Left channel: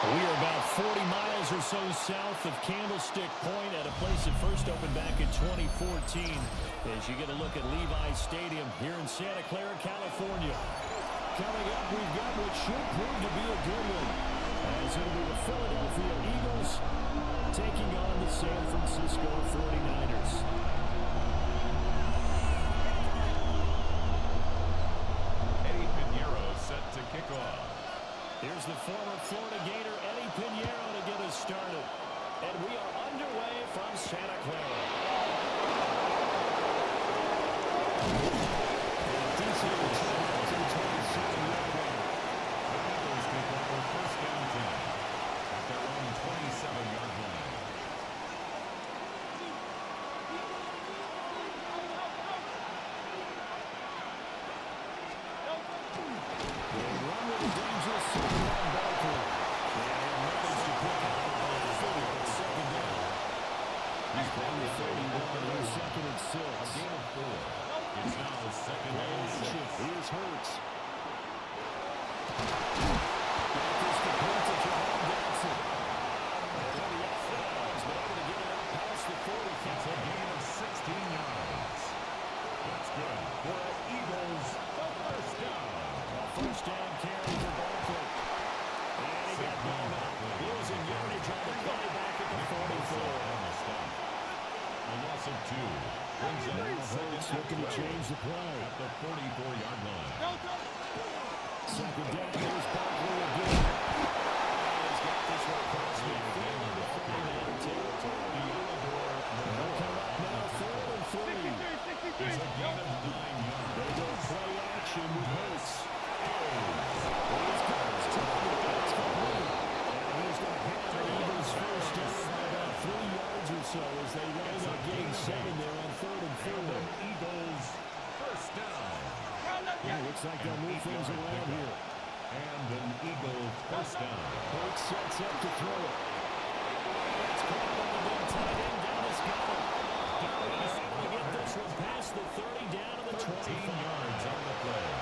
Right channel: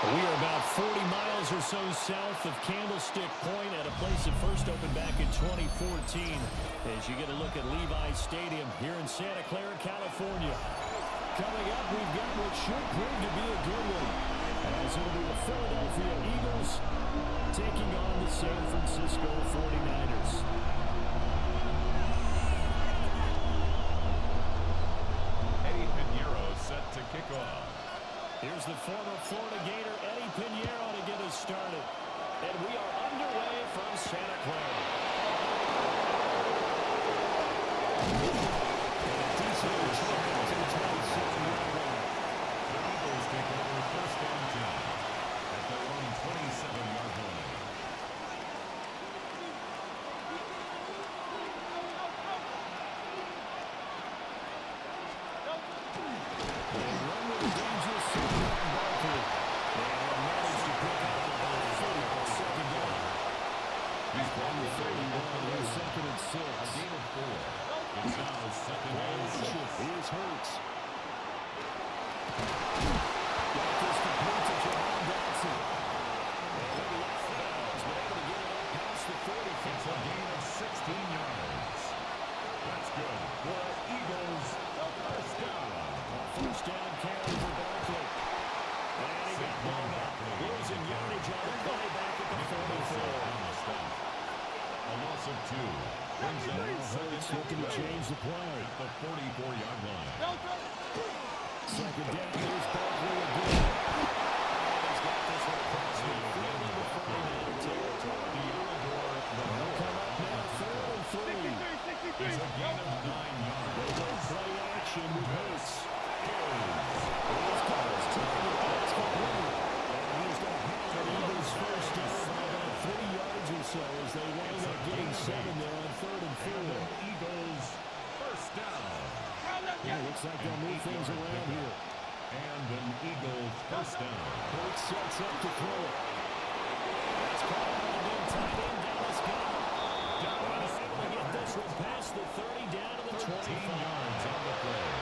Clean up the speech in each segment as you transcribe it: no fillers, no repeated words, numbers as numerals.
We are about 40 miles or so south of Candlestick Point at a place that first opened back in 2014 as you get a look at Levi's Stadium here in Santa Clara, California. Coming up, we've got what should prove to be a good one, as it'll be the Philadelphia Eagles taking on the San Francisco 49ers. Eddie Pinheiro set to kick off. Here's the former Florida Gator, Eddie Pinheiro, to get us started. And we are underway from Santa Clara. And a decent return to the 27-yard line. The Eagles take over first down 10 at their own 27-yard line. They run with a dangerous circle on Barkley. And have managed to pick out the ball footer on second down. He's playing the 31. Here's second and 6. A gain of 4. It's now second and 6. Here's Hurts. Got this complete to Jahan Dotson. And he'll be out of bounds, but able to get it up past the 45. It's a gain of 16 yards. That's good for an Eagles first down. A first down carry for Barkley. And he got blown up. Losing yardage on the play back at the 44. On the stop. A loss of 2. Brings up Hurts looking to change the play. At the 44-yard line. Second down, here's Barkley again. And he's got this one across the field into 49er territory. They'll come up now, 3rd and 3. It's a gain of 9 yards. They go play action with Hurts. He's got his target. That's complete. And he's going to have an Eagles first down by about 3 yards or so as they wind up getting 7 there on 3rd and 4. And Eagles first down. Yeah, looks like they'll move things around here. And an Eagles first down. Hurts sets up to throw it. That's caught by the big tight end, Dallas Goedert. And they're able to get this one past the 30 down to the 13 25. yards on the play.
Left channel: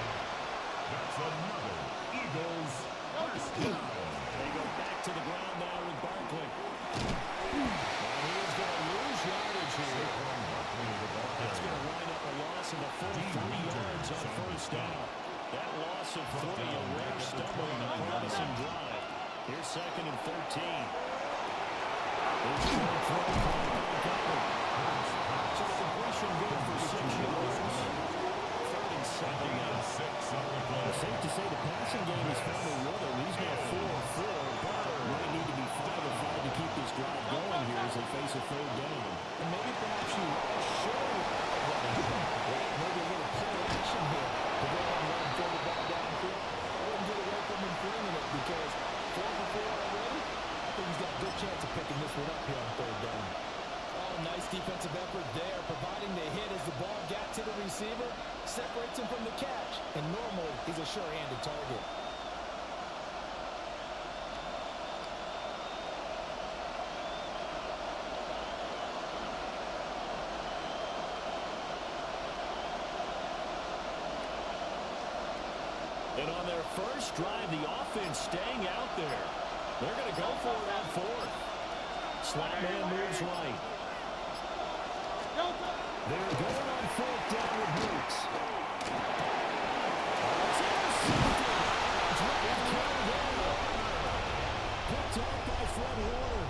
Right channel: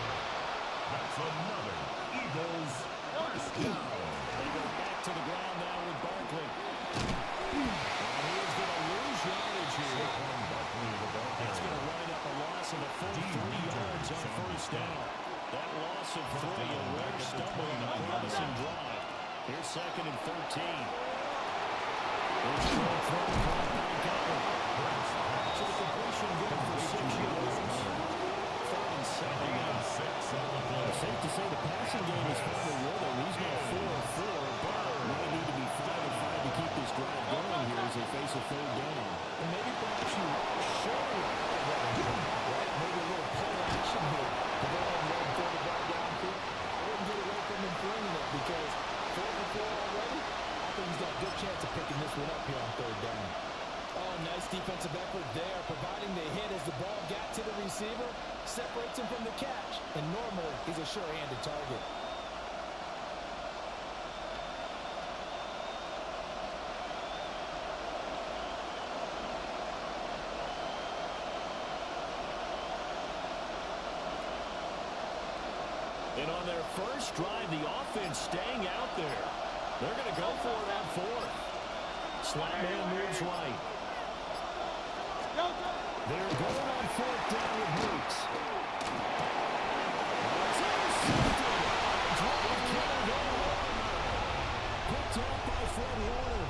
That's another Eagles first down. They go back to the ground now with Barkley. And he is going to lose yardage here. Saquon Barkley, the ball carrier. That's going to wind up a loss of a full 3 yards on first down. That loss of 3, a rare stumble on a promising drive. Here's second and 13. Here's short throw caught by Goedert. So the completion good for 6 yards. 3rd and 7 now. 6 on the play. Safe to say the passing game has found a rhythm. He's now 4-4, but might need to be 5-5 to keep this drive going here as they face a third down. And maybe perhaps you show a running play, right? Maybe a little play action here to go ahead and let him throw the ball downfield. I wouldn't get away from him bringing it because 4 for 4 already. I think he's got a good chance of picking this one up here on third down. Oh, nice defensive effort there, providing the hit as the ball got to the receiver, separates him from the catch, and normally he's a sure-handed target. And on their first drive, the offense staying out there. They're going to go for it on fourth. Slot man moves right. They're going on fourth down with Hooks. It's intercepted. Picked off by Fred Warner.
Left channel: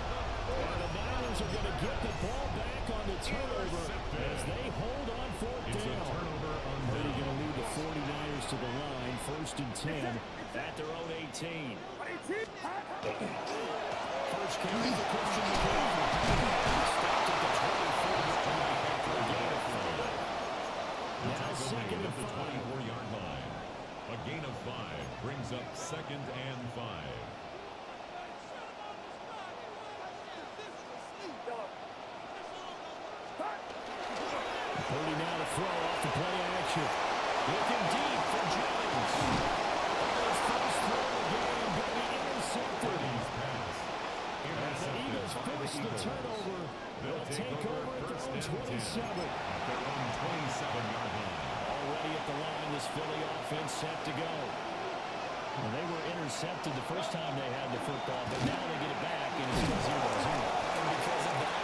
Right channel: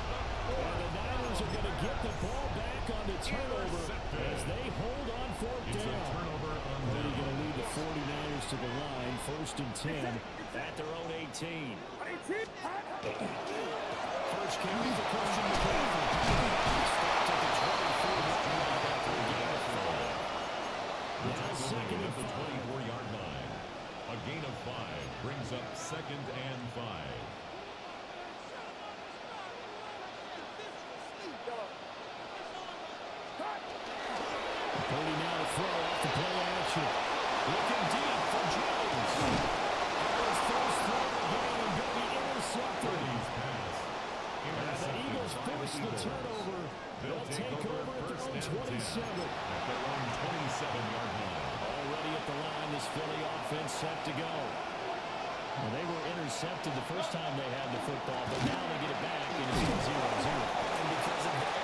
And the Niners are going to get the ball back on the turnover as they hold on fourth down. Purdy going to lead the 49ers to the line, 1st and 10 at their own 18. First carry for Christian McCaffrey. Stopped at the 24-yard line after a gain of 5. Now second and 5. The 24-yard line. A gain of 5 brings up 2nd and 5. Purdy now to throw off the play action. Looking deep for Jennings. His first throw of the game going to be intercepted. Purdy's pass. And the Eagles force the turnover. They'll take over at their own 27. At their own 27-yard line. Already at the line, this Philly offense set to go. Well, they were intercepted the first time they had the football, but now they get it back, and it's 0-0. And because of that,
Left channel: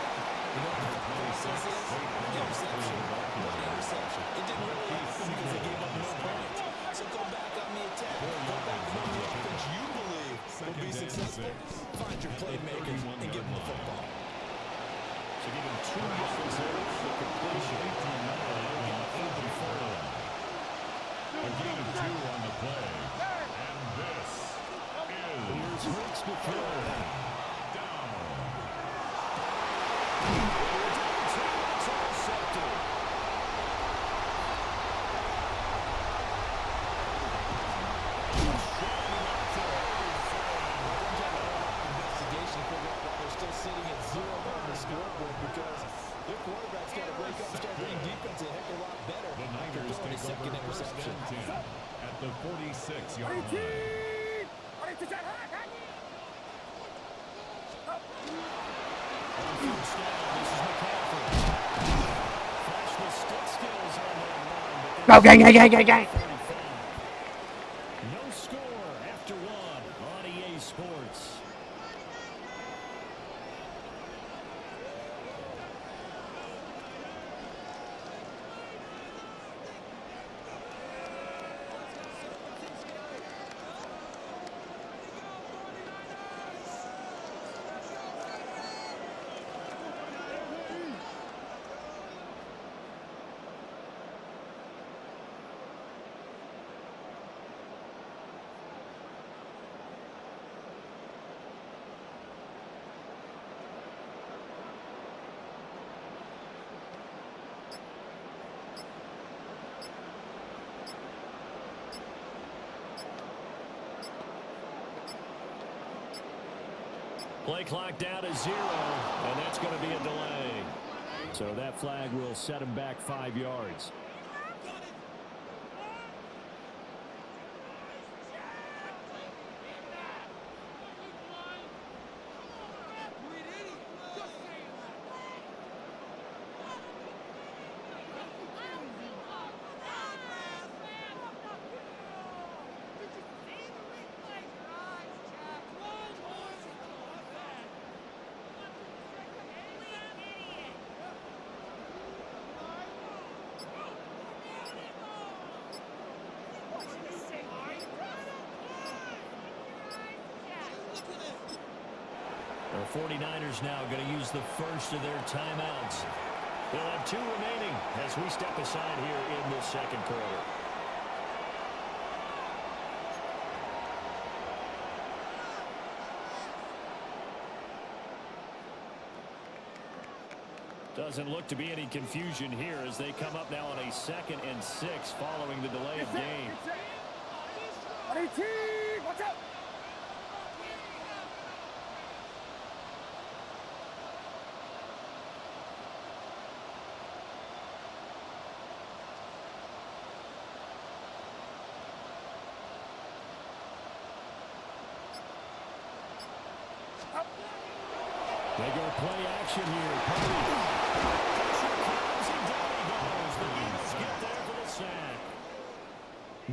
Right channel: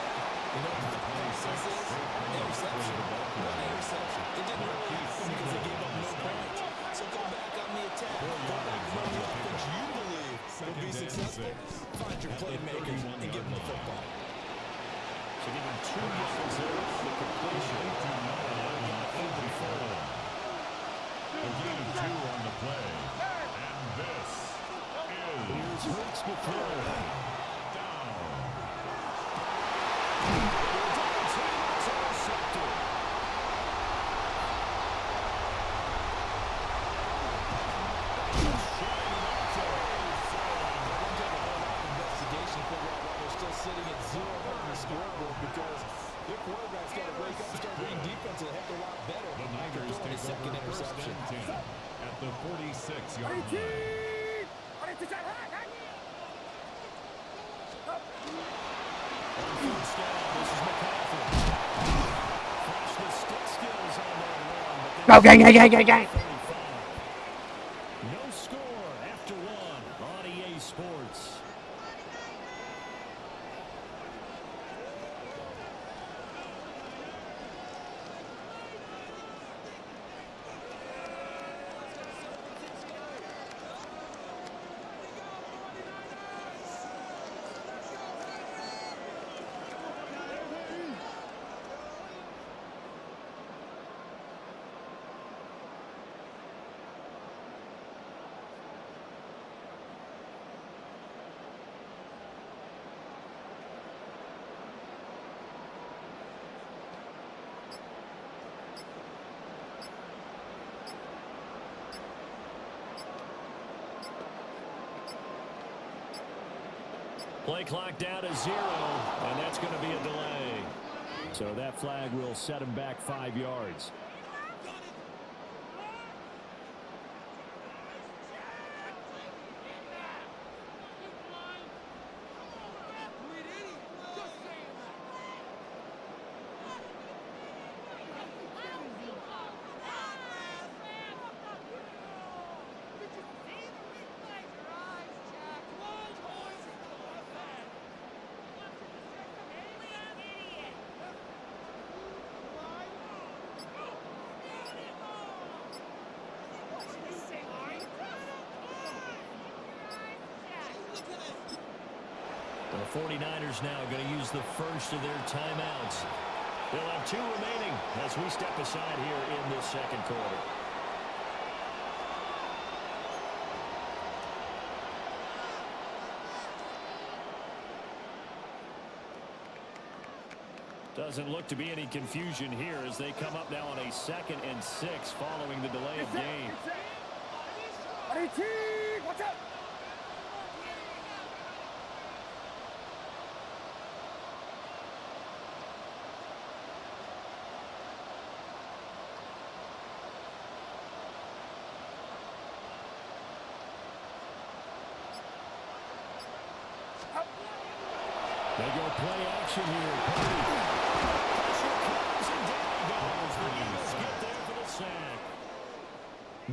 you know what the process is? Interception. One interception. It didn't really happen because they gave up no points. So go back on the attack. Go back and run the offense you believe will be successful. Find your playmakers and give them the football. So give him 2 yards there for completion. And now we got open forward. A gain of 2 on the play. And this is... Here's Hurts to throw. Down. It's intercepted. Investigation to figure out why they're still sitting at 0 on the scoreboard because their quarterback's got to wake up and start reading defense a heck of a lot better The after Niners throwing his take second over 1st interception. and 10 at the 46-yard line. On first down, this is McCaffrey. Flashed the stick skills on that run, but then Go, 35. No score after 1 on EA Sports. Play clock down to 0, and that's going to be a delay. So that flag will set him back 5 yards. The 49ers now going to use the first of their timeouts. They'll have 2 remaining as we step aside here in this second quarter. Doesn't look to be any confusion here as they come up now on a 2nd and 6 following the delay of game. Watch out! They go play action here. Purdy. Pressure comes and down he goes. The Eagles get there for the sack.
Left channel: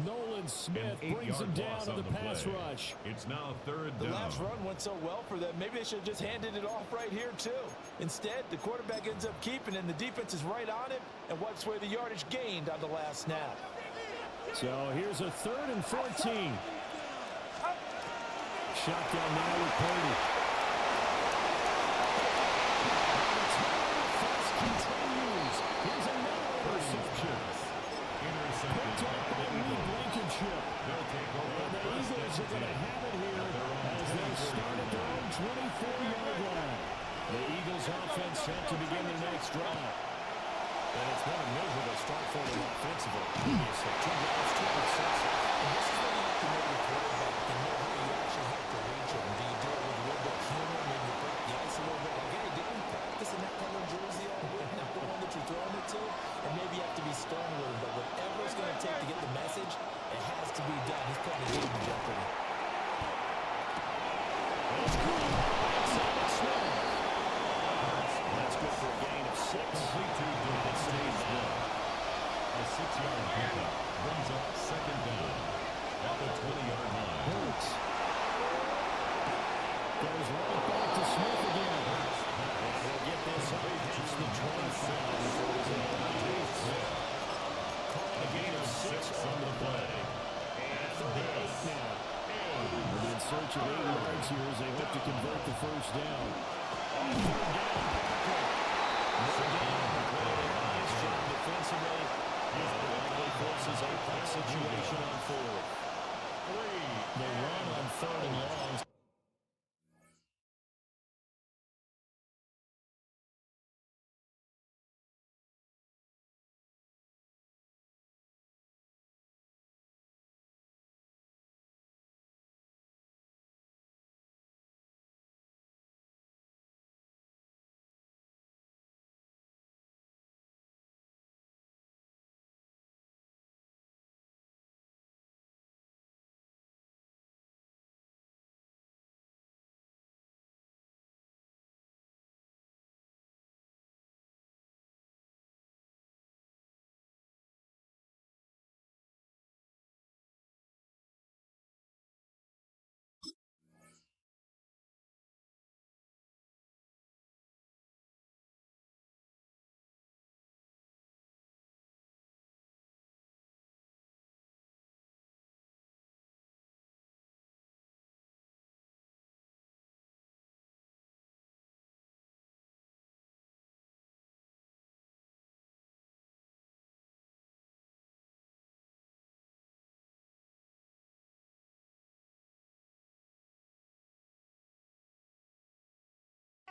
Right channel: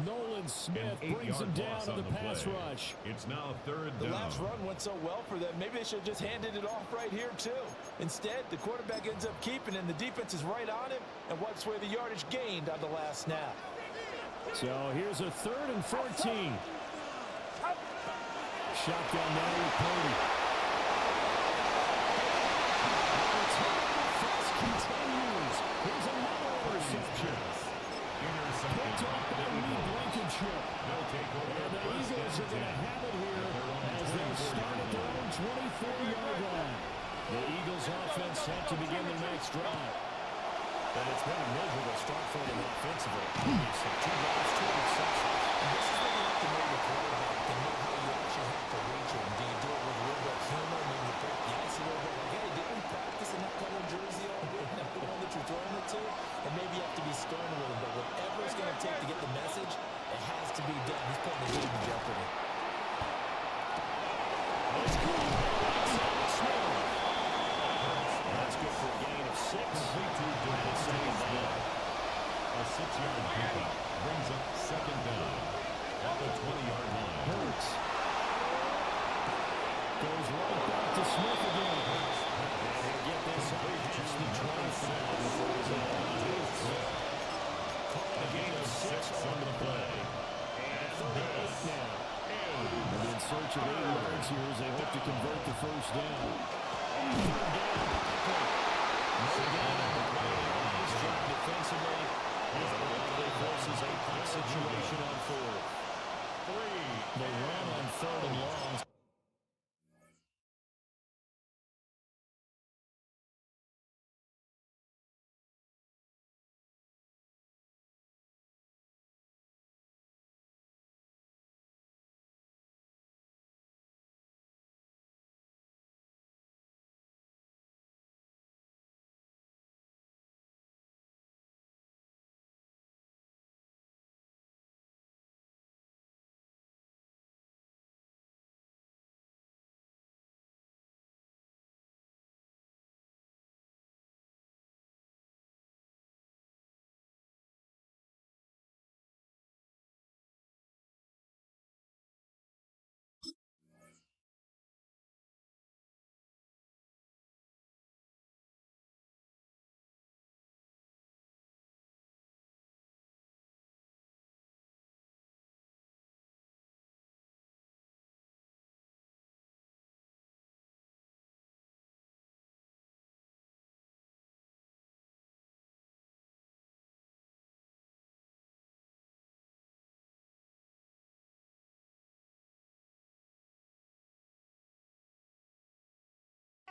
Nolan Smith brings him down to the pass rush. It's now 3rd down. The last run went so well for them. Maybe they should have just handed it off right here, too. Instead, the quarterback ends up keeping it, and the defense is right on him and wipes away the yardage gained on the last snap. So here's a 3rd and 14. Shotgun now with Purdy. And the turnover fuss continues. Here's another interception. Picked off by Reed Blankenship. And the Eagles are going to have it here as they start at their own 24-yard line. The Eagles offense set to begin their next drive. And it's been a miserable start for them offensively. Obviously, 2 drives, 2 interceptions. And this is where you have to know your quarterback and know how you actually have to reach him. Do you do it with a little bit of humor? Maybe you break the ice a little bit. Like, hey, didn't we practice in that color jersey all week? Not the one that you're throwing it to? And maybe you have to be stern with him. But whatever it's going to take to get the message, it has to be done. He's putting the game in jeopardy. It's cool. That's good for a gain of 6. And it's staying down. A 6-yard pickup brings up 2nd down at the 20-yard line. Hurts. Goes right back to Smith again. And he'll get this up past the 25 before he's in the Call a gain of 6 on the play. And 38 now. They're in search of 8 yards here as they hope to convert the first down. On 3rd down, Barkley. No gain on the play there. Nice job defensively. And it likely forces a punt situation on 4th. The run on 3rd and long.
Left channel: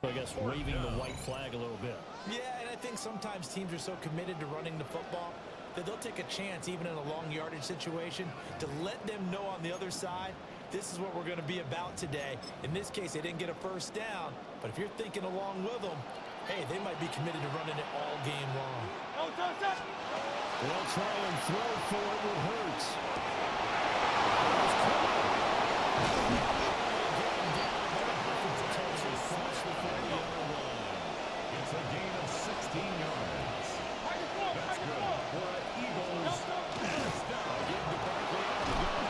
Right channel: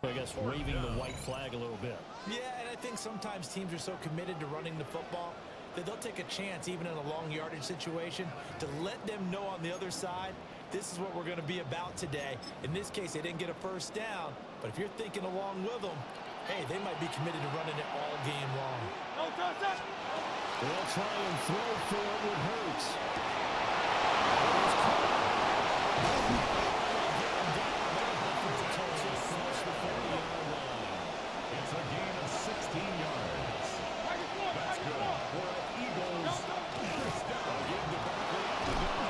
I guess waving the white flag a little bit. Yeah, and I think sometimes teams are so committed to running the football that they'll take a chance, even in a long yardage situation, to let them know on the other side, this is what we're going to be about today. In this case, they didn't get a first down, but if you're thinking along with them, hey, they might be committed to running it all game long. They'll try and throw for it with Hurts. It's a gain of 16 yards. That's good for an Eagles first down. Give to Barkley out of the gun.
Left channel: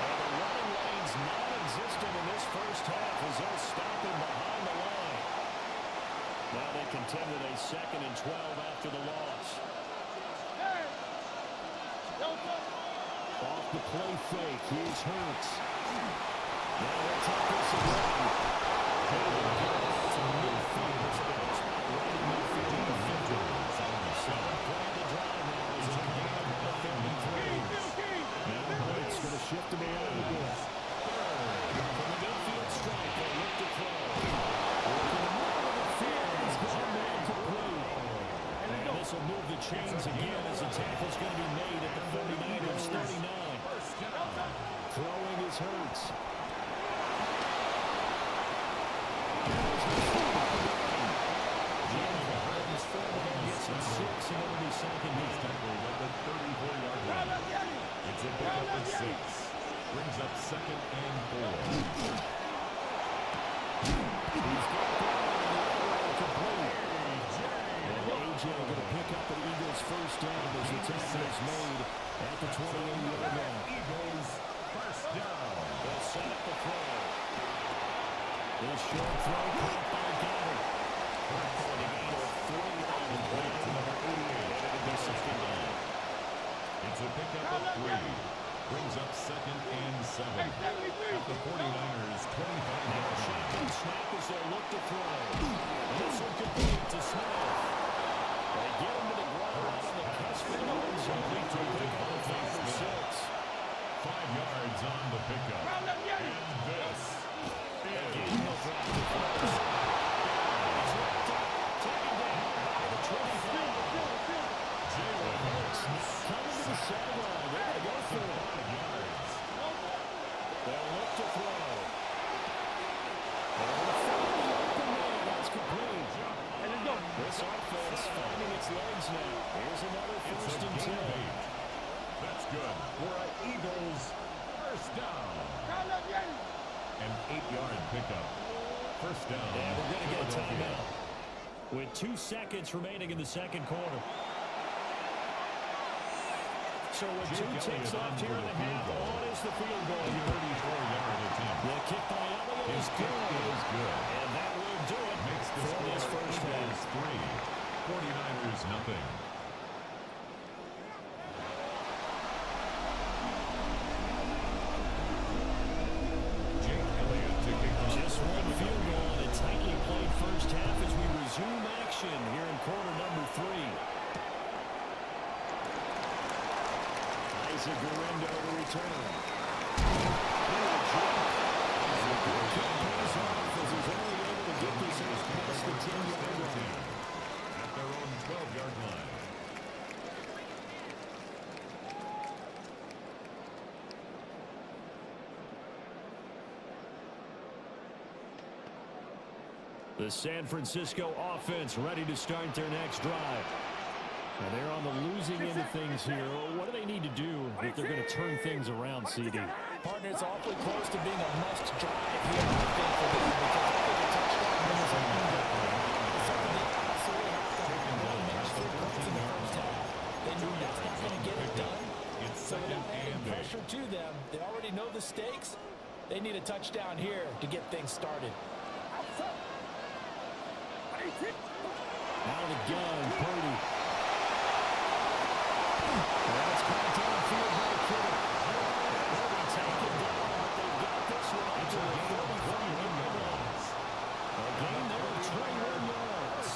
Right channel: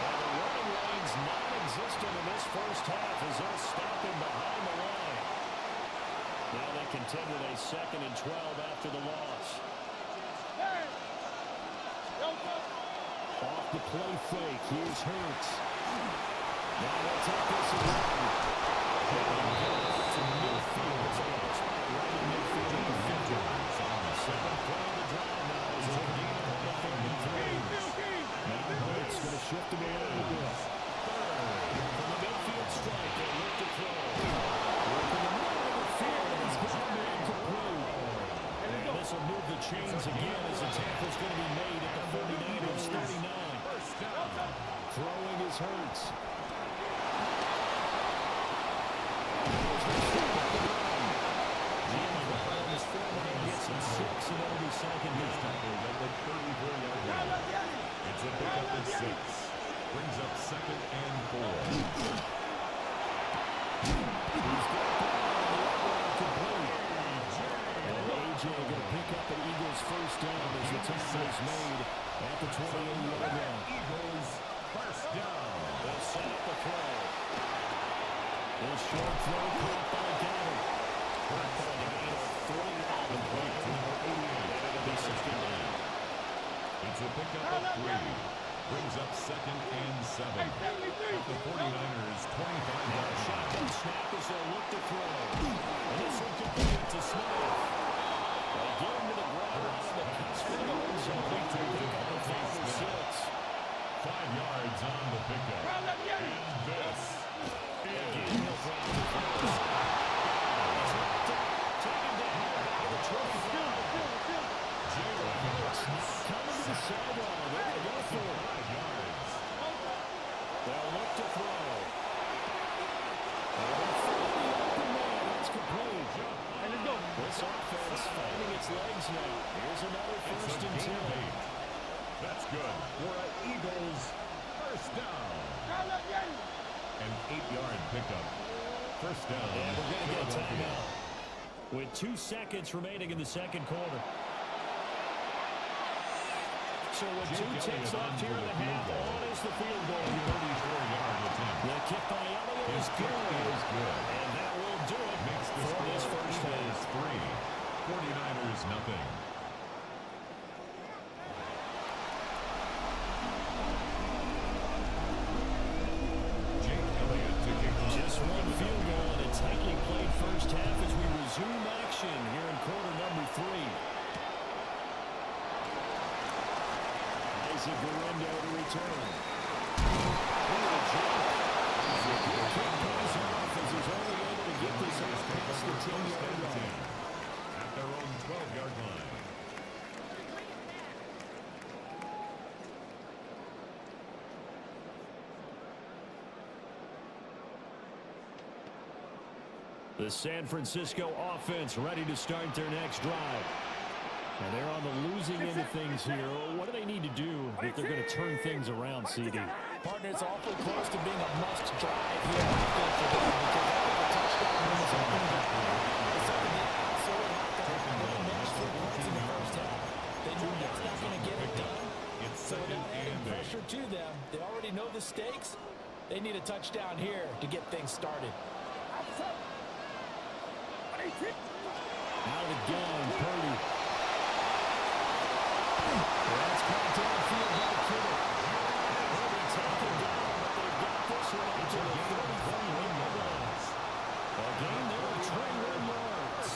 And the running lane's non-existent in this first half as they'll stop him behind the line. Now they contend with a 2nd and 12 after the loss. Off the play fake. Here's Hurts. Now he'll take this again. To midfield. Right in midfield at the 50. 7th play of the drive now is a gain on the 3rd and 3. Now Hurts going to shift him around a bit. From the midfield strike, they look to throw. Working the middle of the field. He's got a man to play. tackle's going to be made at the 49ers 39. First down. Throwing is Hurts. Gets him 6, and that'll be second He's down. tackled at the 34-yard line. It's a pickup of 6. Brings up second and 4. He's got that on the outright complete. And A.J. going to pick up an Eagles first down as the tackle is made at the 28-yard line. Eagles first down. They'll set up a throw. This short throw caught by Goddard. Hurts on the gain of 3 on the play To number 88. and it'll be second down. It's a pickup of 3. Brings up second and 7. At the 49ers 25-yard Now a line. shotgun snap as they'll look to throw. And this will complete to Smith. They get him to the ground out on the cusp of the end zone. To pick up a 5 or 6. 5 yards on the pickup. And this Again, is he'll drop the throw. He's locked up, taken down by the 25. Jalen Hurts. Coming to the sideline. They're going to go for it. 5 yards. They'll look to throw. They're going to find the open man. That's complete. This offense finding its legs now. Here's another It's first a and gain 10. of 8. That's good for an Eagles first down. An 8-yard pickup. First down. And we're going to get a Philadelphia. timeout with 2 seconds remaining in the second quarter. So with Jake 2 ticks Elliott on left here for in the the field half, goal. on is the field goal. A 34-yard attempt. The kick by Elliott His is kick good. is good. And that will do it Makes the for this score first Eagles half. 3. 49ers nothing. Jake Elliott to kick off. Just one field goal and a tightly played first half as we resume action here in quarter number 3. Isaac Guerrero to return. Into the jump. And the good kick pays off as he's only able to get this out past the 10-yard line. At their own 12-yard line. The San Francisco offense ready to start their next drive. And they're on the losing end of things here. What do they need to do if they're going to turn things around, CD? Partner, it's awfully close to being a must drive here, I think, for them, because I think a touchdown brings something down. It's something they absolutely have to have. They only managed 3 points in the first half. They know that's not going to get it done. So without adding pressure to them, they already know the stakes. They need a touchdown here to get things started. Out of the gun, Purdy. Well, that's caught downfield by Kittle. They'll be taken down, but they've got this one up to the 35-yard line. A gain there of 21 yards.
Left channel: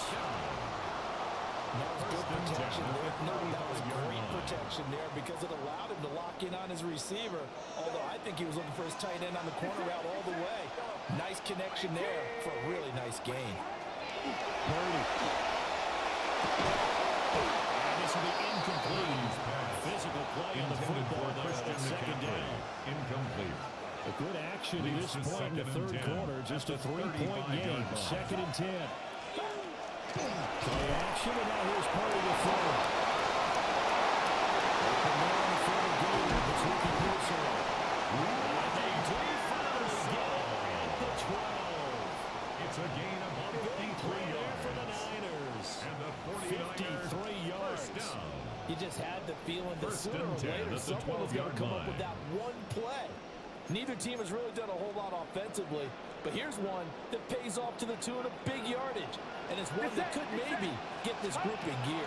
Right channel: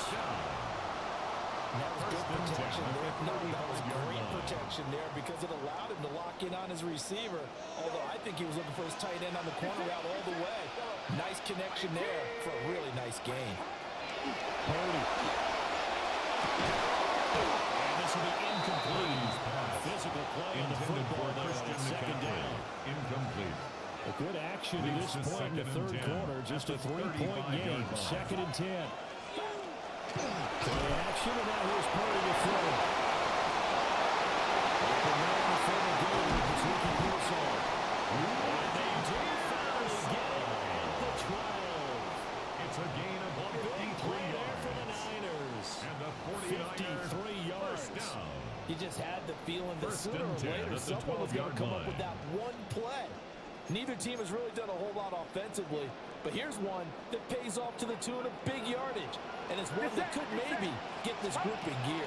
That was good protection there. No, that was great protection there because it allowed him to lock in on his receiver. Although I think he was looking for his tight end on the corner route all the way. Nice connection there for a really nice gain. Purdy. And this will be incomplete. Physical play on the football there. Second down. Incomplete. A good action to this point in the third quarter. Just a 3-point game. Second and 10. Play action, and now here's Purdy to throw. Open man, the former Gator, it's Ricky Pearsall. And they do finally get it at the 12. It's a gain of A big 53 play there yards. for the Niners. And the 49ers 53 yards. first down. You just had the feeling that First sooner or and 10 later at the someone was going to 12-yard come up line. with that one play. Neither team has really done a whole lot offensively, but here's one that pays off to the tune of big yardage, and it's one that could maybe get this group in gear.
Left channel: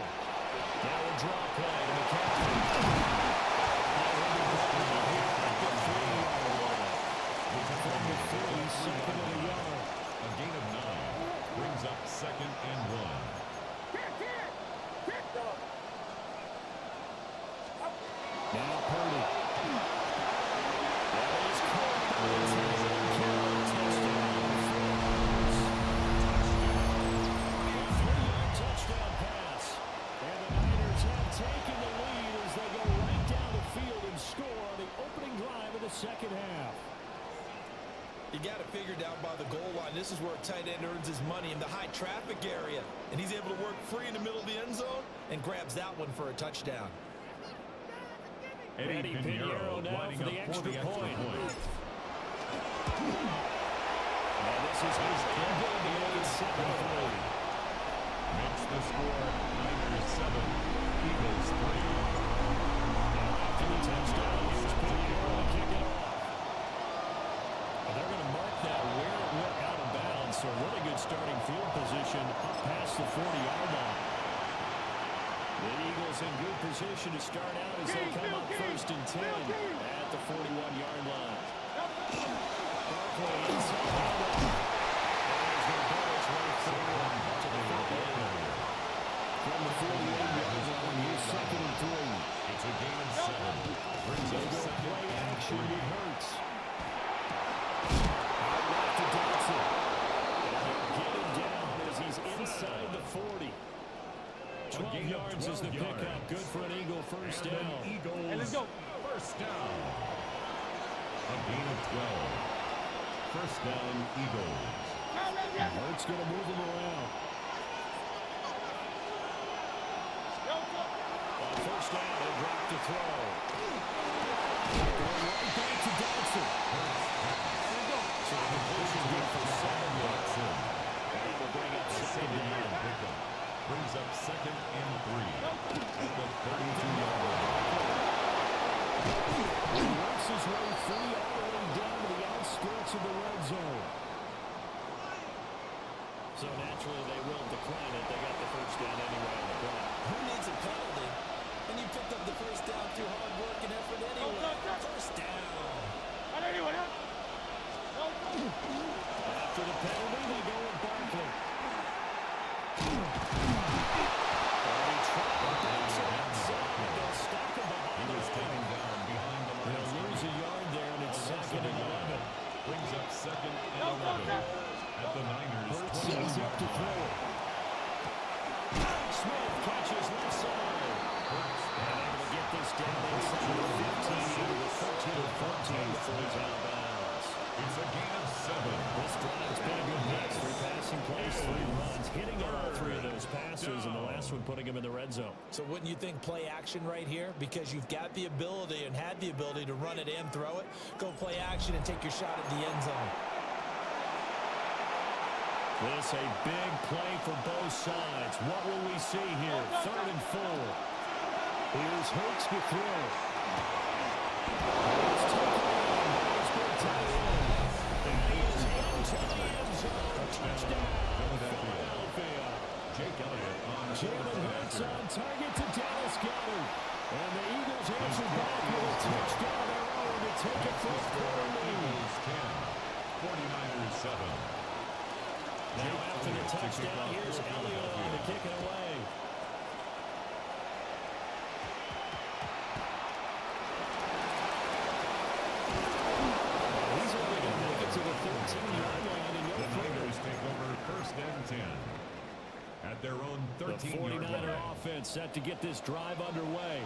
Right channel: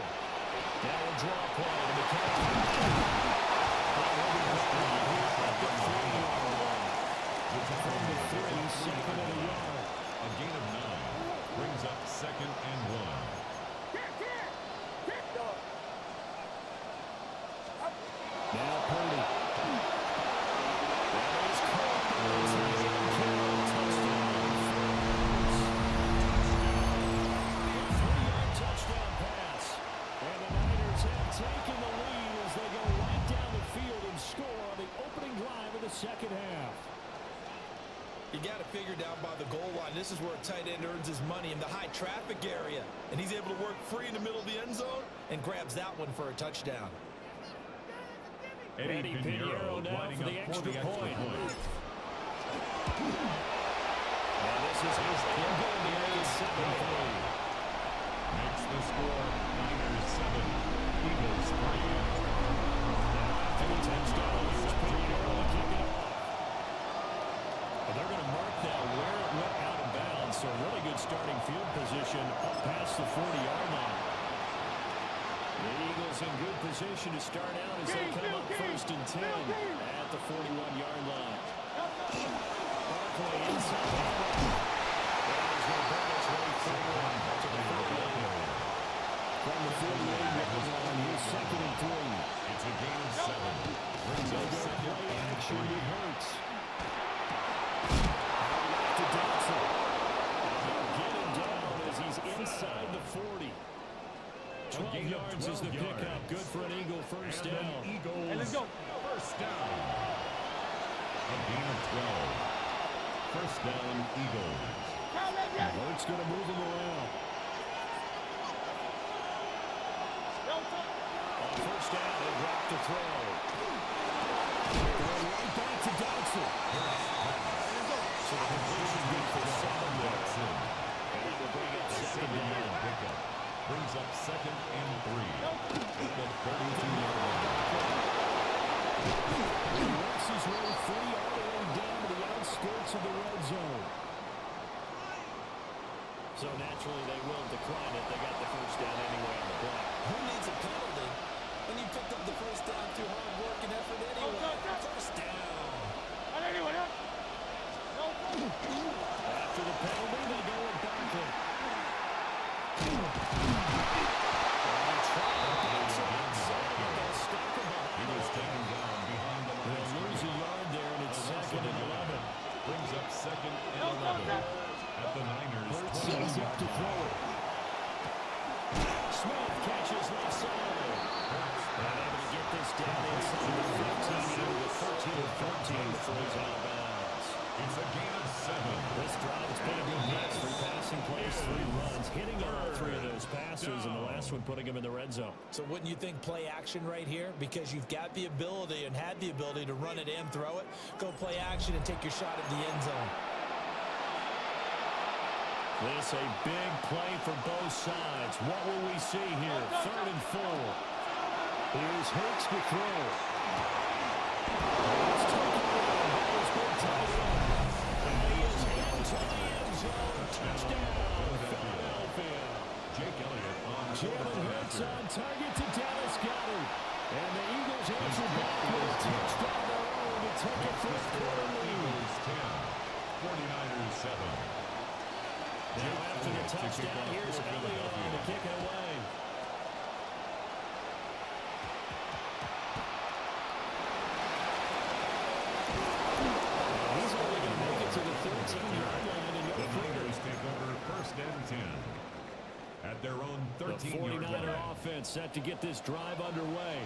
Now a draw play to McCaffrey. And he'll be brought down here at the 3-yard line. From the 3, second and a yard. A gain of 9 brings up second and 1. Now Purdy. That is caught by the tight end Carroll. Touchdown. A 3-yard touchdown pass. And the Niners have taken the lead second half. You got to figure down by the goal line. This is where a tight end earns his money, in the high traffic area. And he's able to work free in the middle of the end zone and grabs that one for a touchdown. Eddie Pinheiro now for the extra point. Now this is his going to make it 7-3. Makes the score Niners 7, Eagles 3. Now after the touchdown, here's Pinheiro to kick it off. And they're going to mark that where it went out of bounds. So really good starting field position up past the 40-yard line. The Eagles in good position to start out as they come up 1st and 10 at the 41-yard line. Barkley inside handoff. And he's going to burn his way forward to the 48. From the 48-yard line, here's 2nd and 3. It's a gain of 7. Brings up second Play and action. 3. It hurts. Out left to Dotson. And they'll get him down as he's inside the 40. 12 yards is the pickup. Good for an Eagle first down. Eagles let's go. First down. A gain of 12. First down, Eagles. Hurts going to move him around. On first down, they drop to throw. Going right back to Dotson. So the completion good for 7 yards. And that will bring up 2nd down. Pickup. Brings up 2nd and 3 at the 32-yard line. He works his way free all the way down to the outskirts of the red zone. So naturally they will decline it. They got the first down anyway on the play. Who needs a penalty when you picked up the first down through hard work and effort anyway? First down. After the penalty, they go with Barkley. And he tried to bounce it outside, but they'll stop him behind the line. Taken down behind the line. They'll lose a yard there, and it's 2nd and 11. Brings up 2nd and 11 at the Niners. Hurts sends up to throw it. Smith catches left side. And able to get this down inside the 15, into the 13 or 14 before he's out of bounds. It's a gain of 7. This drive's been a good mix. 3 passing plays, 3 runs, hitting on all 3 of those passes, and the last one putting him in the red zone. So wouldn't you think play action right here? Because you've got the ability and had the ability to run it and throw it. Go play action and take your shot at the end zone. This a big play for both sides. What will we see here? 3rd and 4. Here's Hurts to throw. It's taken in by his big tight end. And he is into the end zone. Touchdown, Philadelphia. Jake Elliott on Jalen Hurts on target to Dallas Goedert. And the Eagles answer back with a touchdown of their own to take a 4th quarter lead. Eagles 10, 49ers 7. Now after the touchdown, here's Elliott on to kick it away. He's only going to make it to the 13-yard line and no The further. Niners take over 1st and 10 at their own 13-yard line. The 49er offense set to get this drive underway.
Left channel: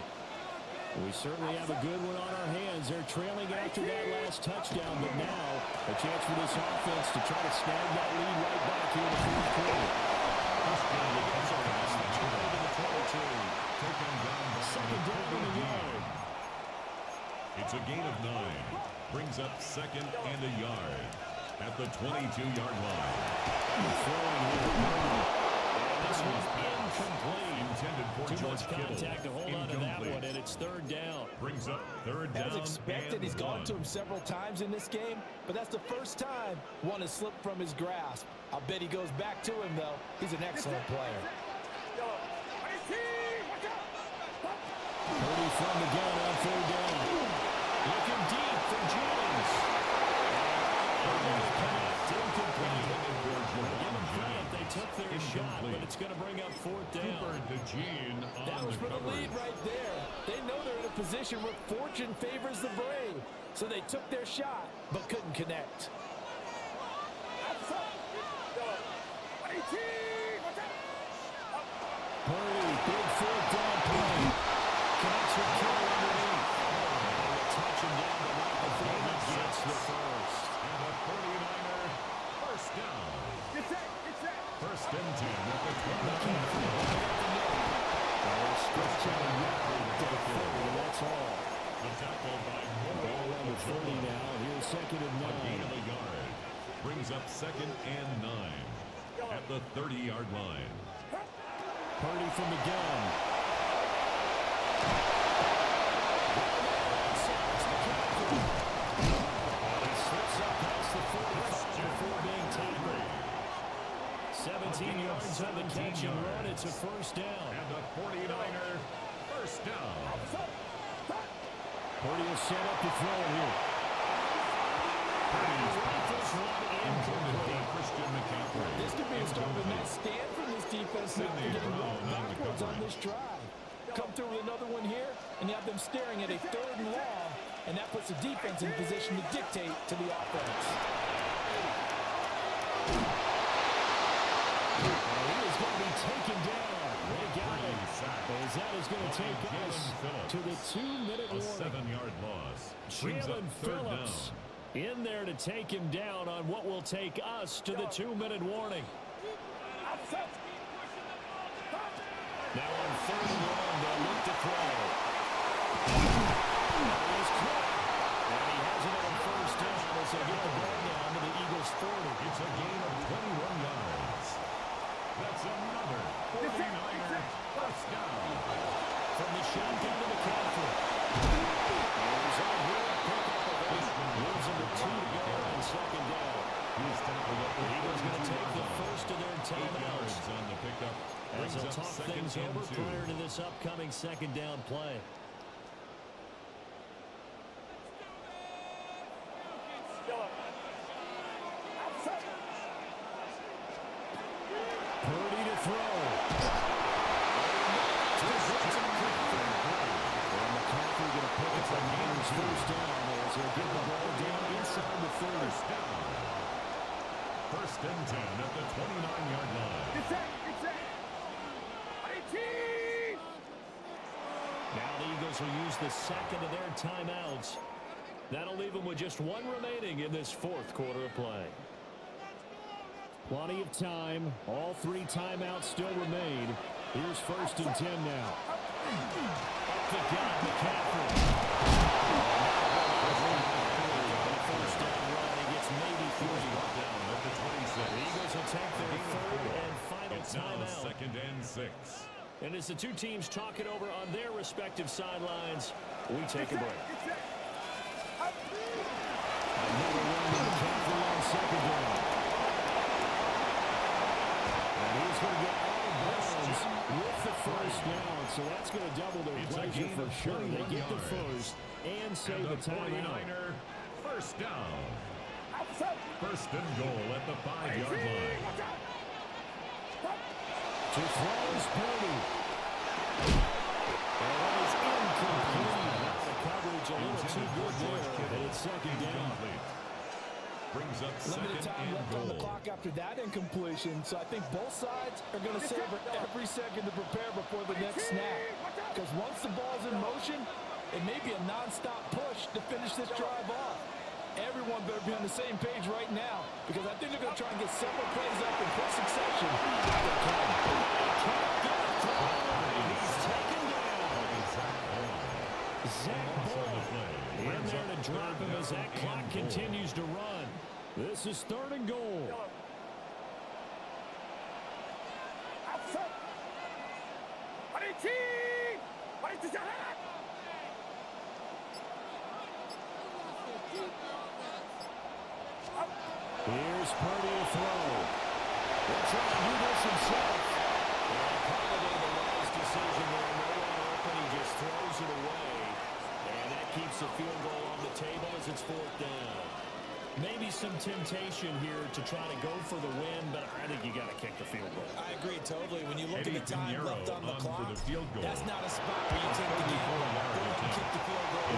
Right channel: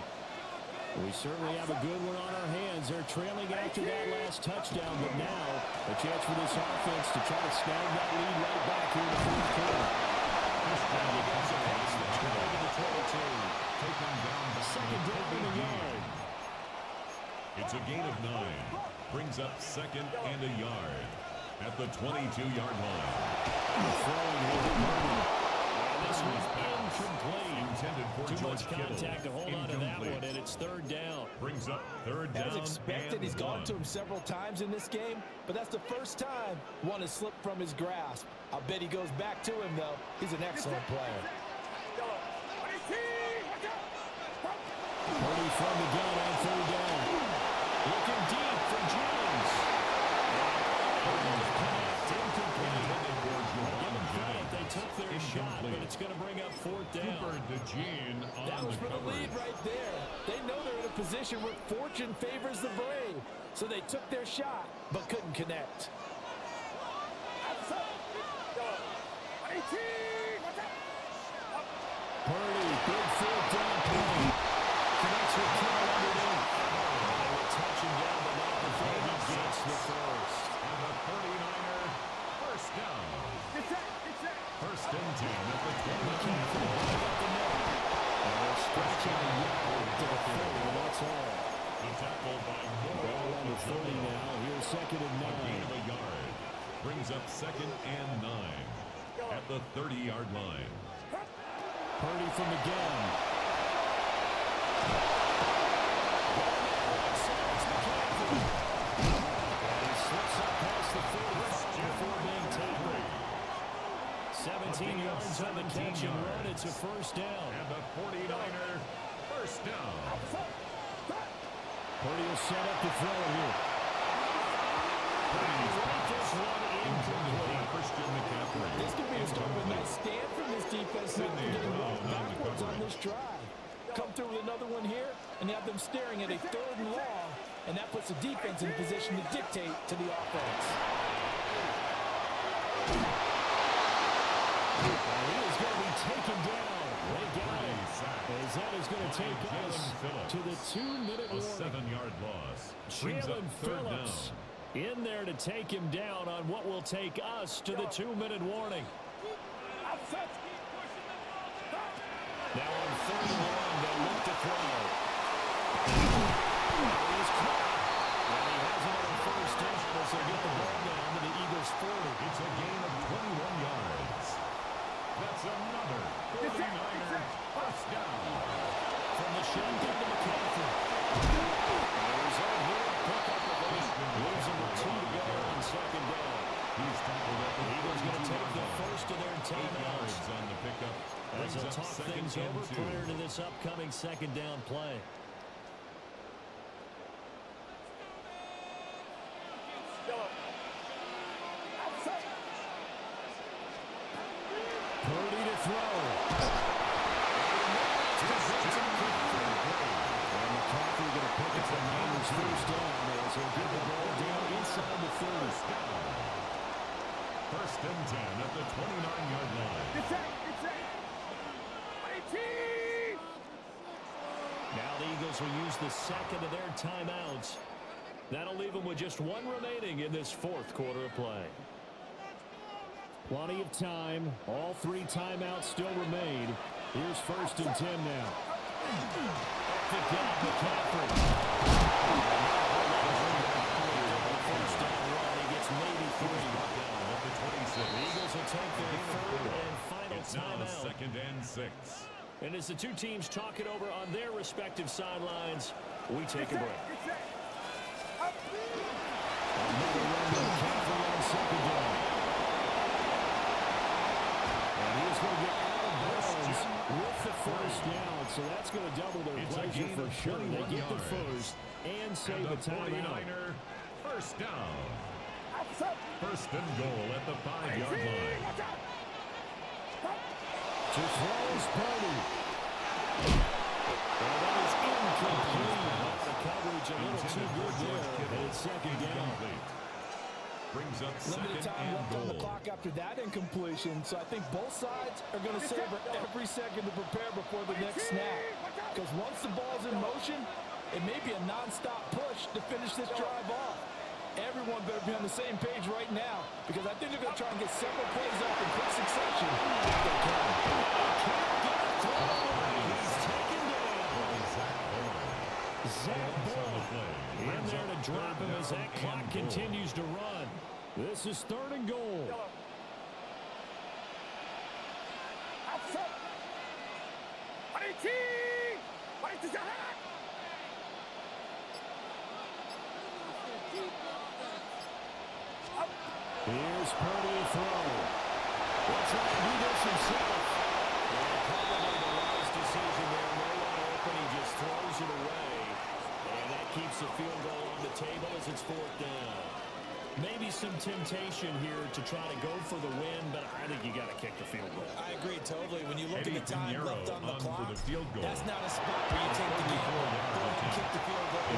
We certainly have a good one on our hands. They're trailing after that last touchdown, but now a chance for this offense to try to snag that lead right back here in the 4th quarter. He gets across the 12 to the 22. Taken down by 2nd down in a yard. It's a gain of 9. Brings up 2nd and a yard at the 22-yard line. Throwing here. And this one's incomplete. Intended for Too George much contact Kittle. to hold on to that one, and it's 3rd down. Brings up 3rd down. As expected, and he's gone 1. to him several times in this game, but that's the first time one has slipped from his grasp. I'll bet he goes back to him, though. He's an excellent player. Purdy from the gun on 3rd down. Looking deep for Jennings. Able to connect, incomplete. Give them credit, they took their shot, but it's going to bring up 4th down. Cooper DeJean on That was the for the coverage. lead right there. They know they're in a position where fortune favors the brave. So they took their shot, but couldn't connect. Purdy, big 4th down play. Connects with Kittle underneath. And they will touch him down, but not before he First and 10 at the 29. Stretch out a yard to the 30, and that's all. The tackle by Ball on the 30 now. Here's second and 9. A gain of a yard. Brings up second and 9 at the 30-yard line. Purdy from the gun. And he slips up past the 45 before being tackled. 17 yards on the catch and run. It's a first down. And the 49er first down. Purdy will set up to throw it here. Purdy's pass intended for Christian McCaffrey. This could be a start of a nice stand from this defense after getting walked backwards on this drive. Come through with another one here, and you have them staring at a third and long, and that puts the defense in position to dictate to the offense. And he is going to be taken down. They got it. As that is going to take us to the 2-minute warning. A 7-yard loss. Jalen Phillips in there to take him down on what will take us to the 2-minute warning. Now on third and long, they'll look to throw. He is caught. And he has another first down as they get the ball down to the Eagles' 40. It's a gain of 21 yards. That's another 49er first down. From the shotgun to McCaffrey. He's on here, a pickup of 8. Leaves him with 2 to go on second down. He's tackled up the Eagles going to take the first of their 8 timeouts. yards on the pickup. As they'll talk things over prior to this upcoming second down play. Purdy to throw. And McCaffrey going to pick up the Niners first down as he'll get the ball down inside the 30. First and 10 at the 29-yard line. Now the Eagles will use the second of their timeouts. That'll leave them with just one remaining in this fourth quarter of play. Plenty of time. All 3 timeouts still remain. Here's first and 10 now. Up the gut, McCaffrey. First down run. He gets maybe 3. Down at the 26. The Eagles will take their third and final it's now timeout. second and 6. And as the two teams talk it over on their respective sidelines, we take a break. Another run to McCaffrey on second down. And he's going to get out of bounds with the first down, so that's going to double their pleasure for sure. They get the first and save the timeout. First down. First and goal at the 5-yard line. To throw is Purdy. And that is incomplete. Now the coverage a little too good there, and it's second down. Brings up second Limited time and left goal. on the clock after that incompletion, so I think both sides are going to savor every second to prepare before the next snap. Because once the ball's in motion, it may be a non-stop push to finish this drive off. Everyone better be on the same page right now, because I think they're going to try and get several plays off in quick succession. If they can. He's taken down. Zach Boyd in there to drop him as that clock continues to run. This is third and goal. Here's Purdy to throw. He'll try to do this himself. And probably the wise decision there. No one open. He just throws it away. And that keeps the field goal on the table as it's fourth down. Maybe some temptation here to try to go for the win, but I think you got to kick the field goal. I agree totally. When you look at the time left on the clock, for the field goal. that's not a spot where you take the gamble. Go ahead and kick the field goal. I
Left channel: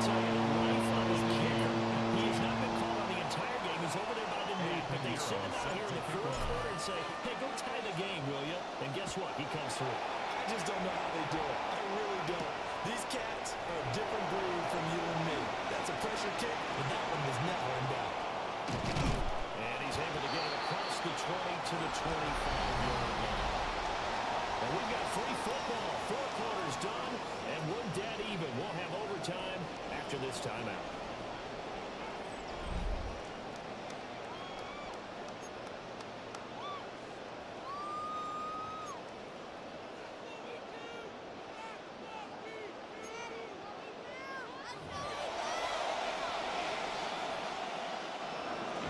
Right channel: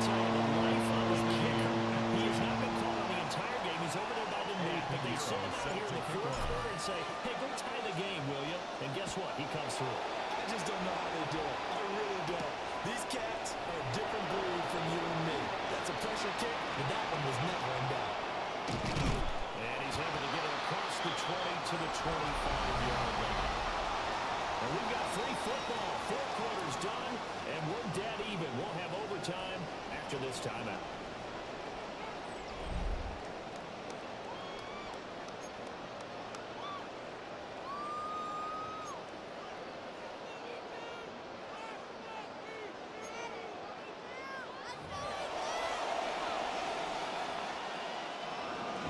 tell you, the life of a kicker. He has not been called on the entire game. He's over there by the net, but they send him out here in the fourth quarter and say, hey, go tie the game, will you? And guess what? He comes through. I just don't know how they do it. I really don't. These cats are a different breed from you and me. That's a pressure kick, but that one was never in doubt. And he's able to get it to the 25-yard line. And we've got free football. 4 quarters done, and we're dead even. We'll have overtime after this timeout.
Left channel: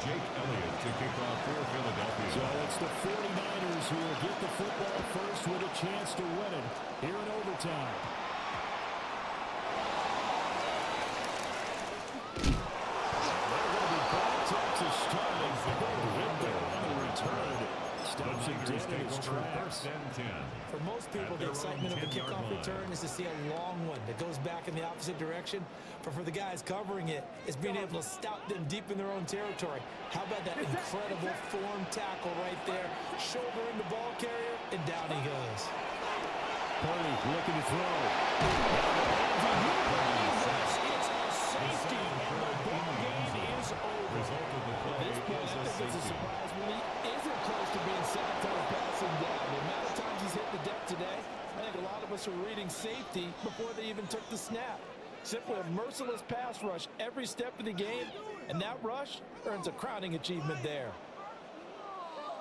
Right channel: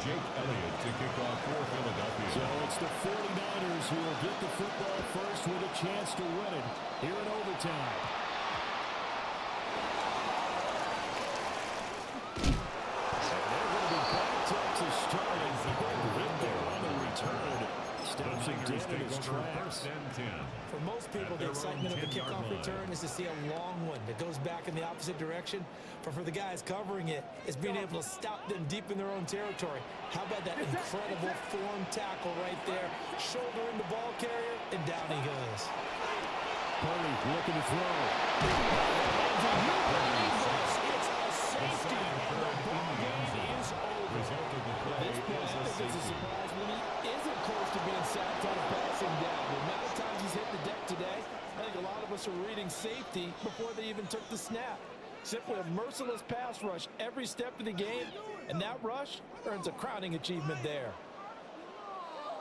Jake Elliott to kick off for Philadelphia. So it's the 49ers who will get the football first with a chance to win it here in overtime. And they're going to be backed up to start. A good hit there on the return. Stops him dead in his tracks. For most people, the excitement of a kickoff return is to see a long one that goes back in the opposite direction. But for the guys covering it, it's being able to stop them deep in their own territory. How about that incredible form tackle right there? Shoulder in the ball carrier, and down he goes. Purdy looking to throw. And do you believe this? It's a safety, and the ball game is over. Result of the play At this point, is I a think it's a safety. surprise when he isn't close to being sacked on a passing down. The amount of times he's hit the deck today, I think a lot of us are reading safety before they even took the snap. Simply a merciless pass rush every step of the game, and that rush earns a crowning achievement there.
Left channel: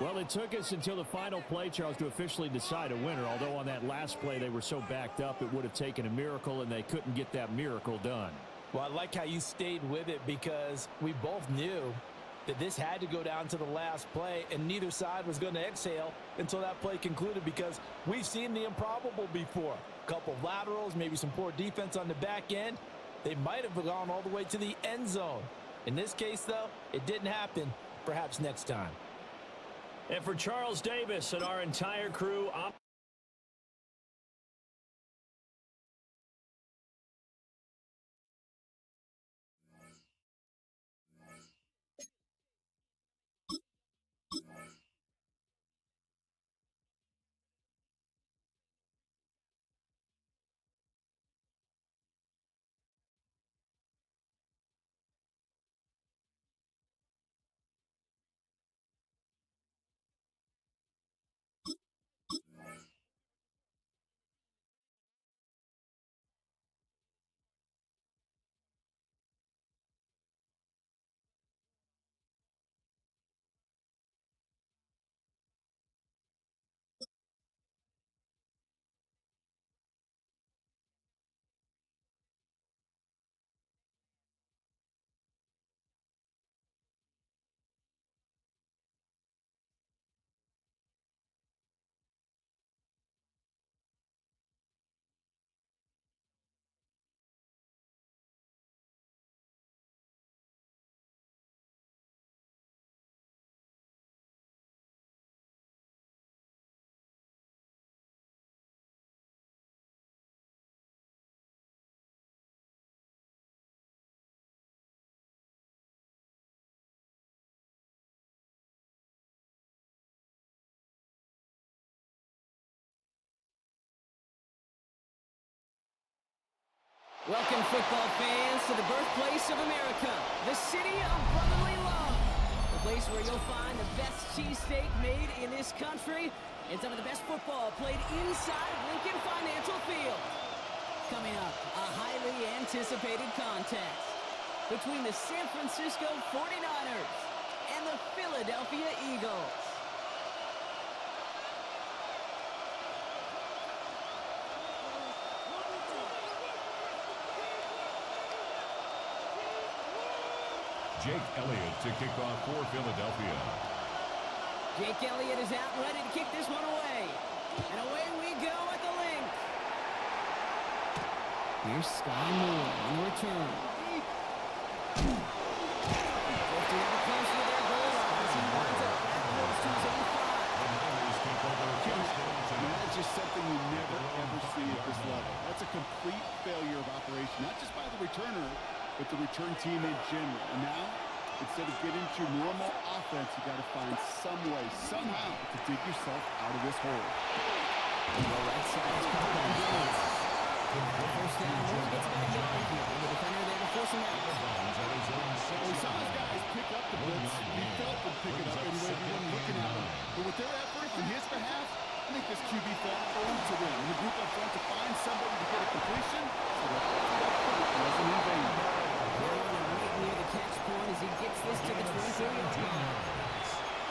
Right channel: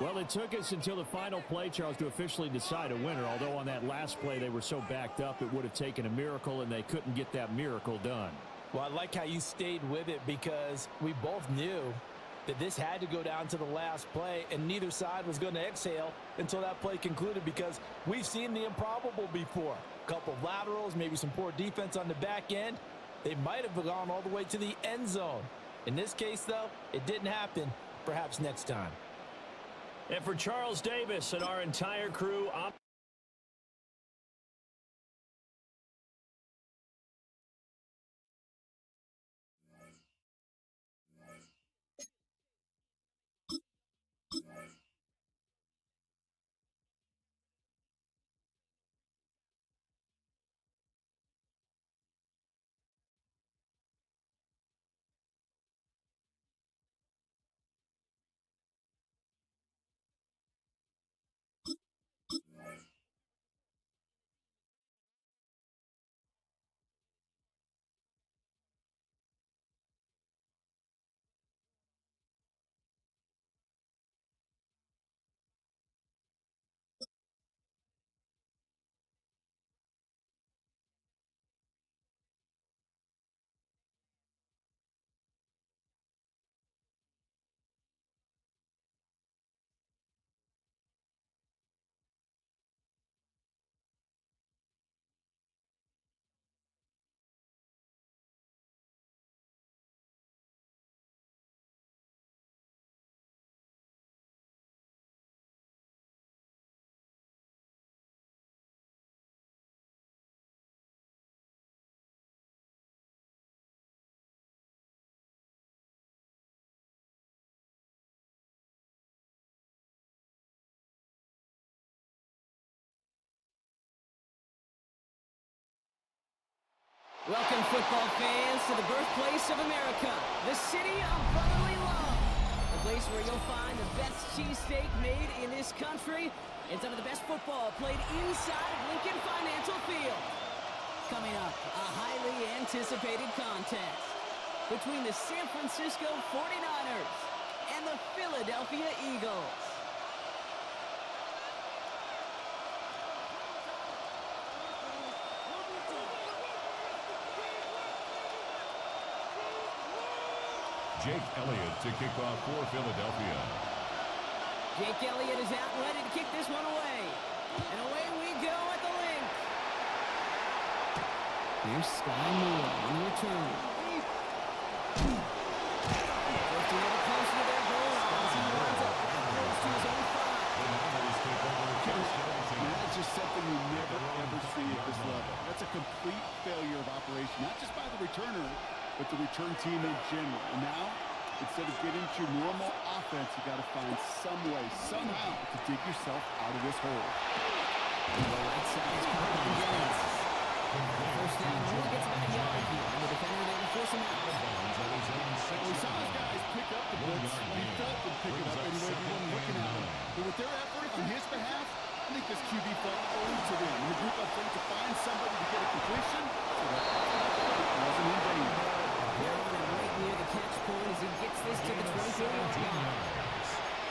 Well, it took us until the final play, Charles, to officially decide a winner, although on that last play they were so backed up it would have taken a miracle, and they couldn't get that miracle done. Well, I like how you stayed with it because we both knew that this had to go down to the last play, and neither side was going to exhale until that play concluded because we've seen the improbable before. A couple of laterals, maybe some poor defense on the back end. They might have gone all the way to the end zone. In this case, though, it didn't happen. Perhaps next time. And for Charles Davis and our entire crew, Welcome, football fans, to the birthplace of America, the city of brotherly love, the place where you'll find the best cheesesteak made in this country and some of the best football played inside of Lincoln Financial Field. Coming up, a highly anticipated contest between the San Francisco 49ers and the Philadelphia Eagles. Jake Elliott to kick off for Philadelphia. Jake Elliott is out ready to kick this one away. And away we go at the link. Here's Sky Moore on the return. Drifting ever closer to their goal line as he winds up back close to his own 5. The Niners take over first and 10. That's just something you never, ever see at this level. That's a complete failure of operation, not just by the returner, but the return team in general. And now, instead of getting to your normal offense, you got to find some way, somehow, to dig yourself out of this hole. The right side is caught on Jennings. First down only gets about a yard here, and the defender there to force him out. Well, we saw those guys pick up the blitz. We felt them pick it up anyway. We weren't looking at them. But with their effort on his behalf, I think this QB felt owed to them. And the group up front to find somebody to get a completion, so that effort up front wasn't in vain. They're on him right near the catch point as he gets this to the 24-yard line.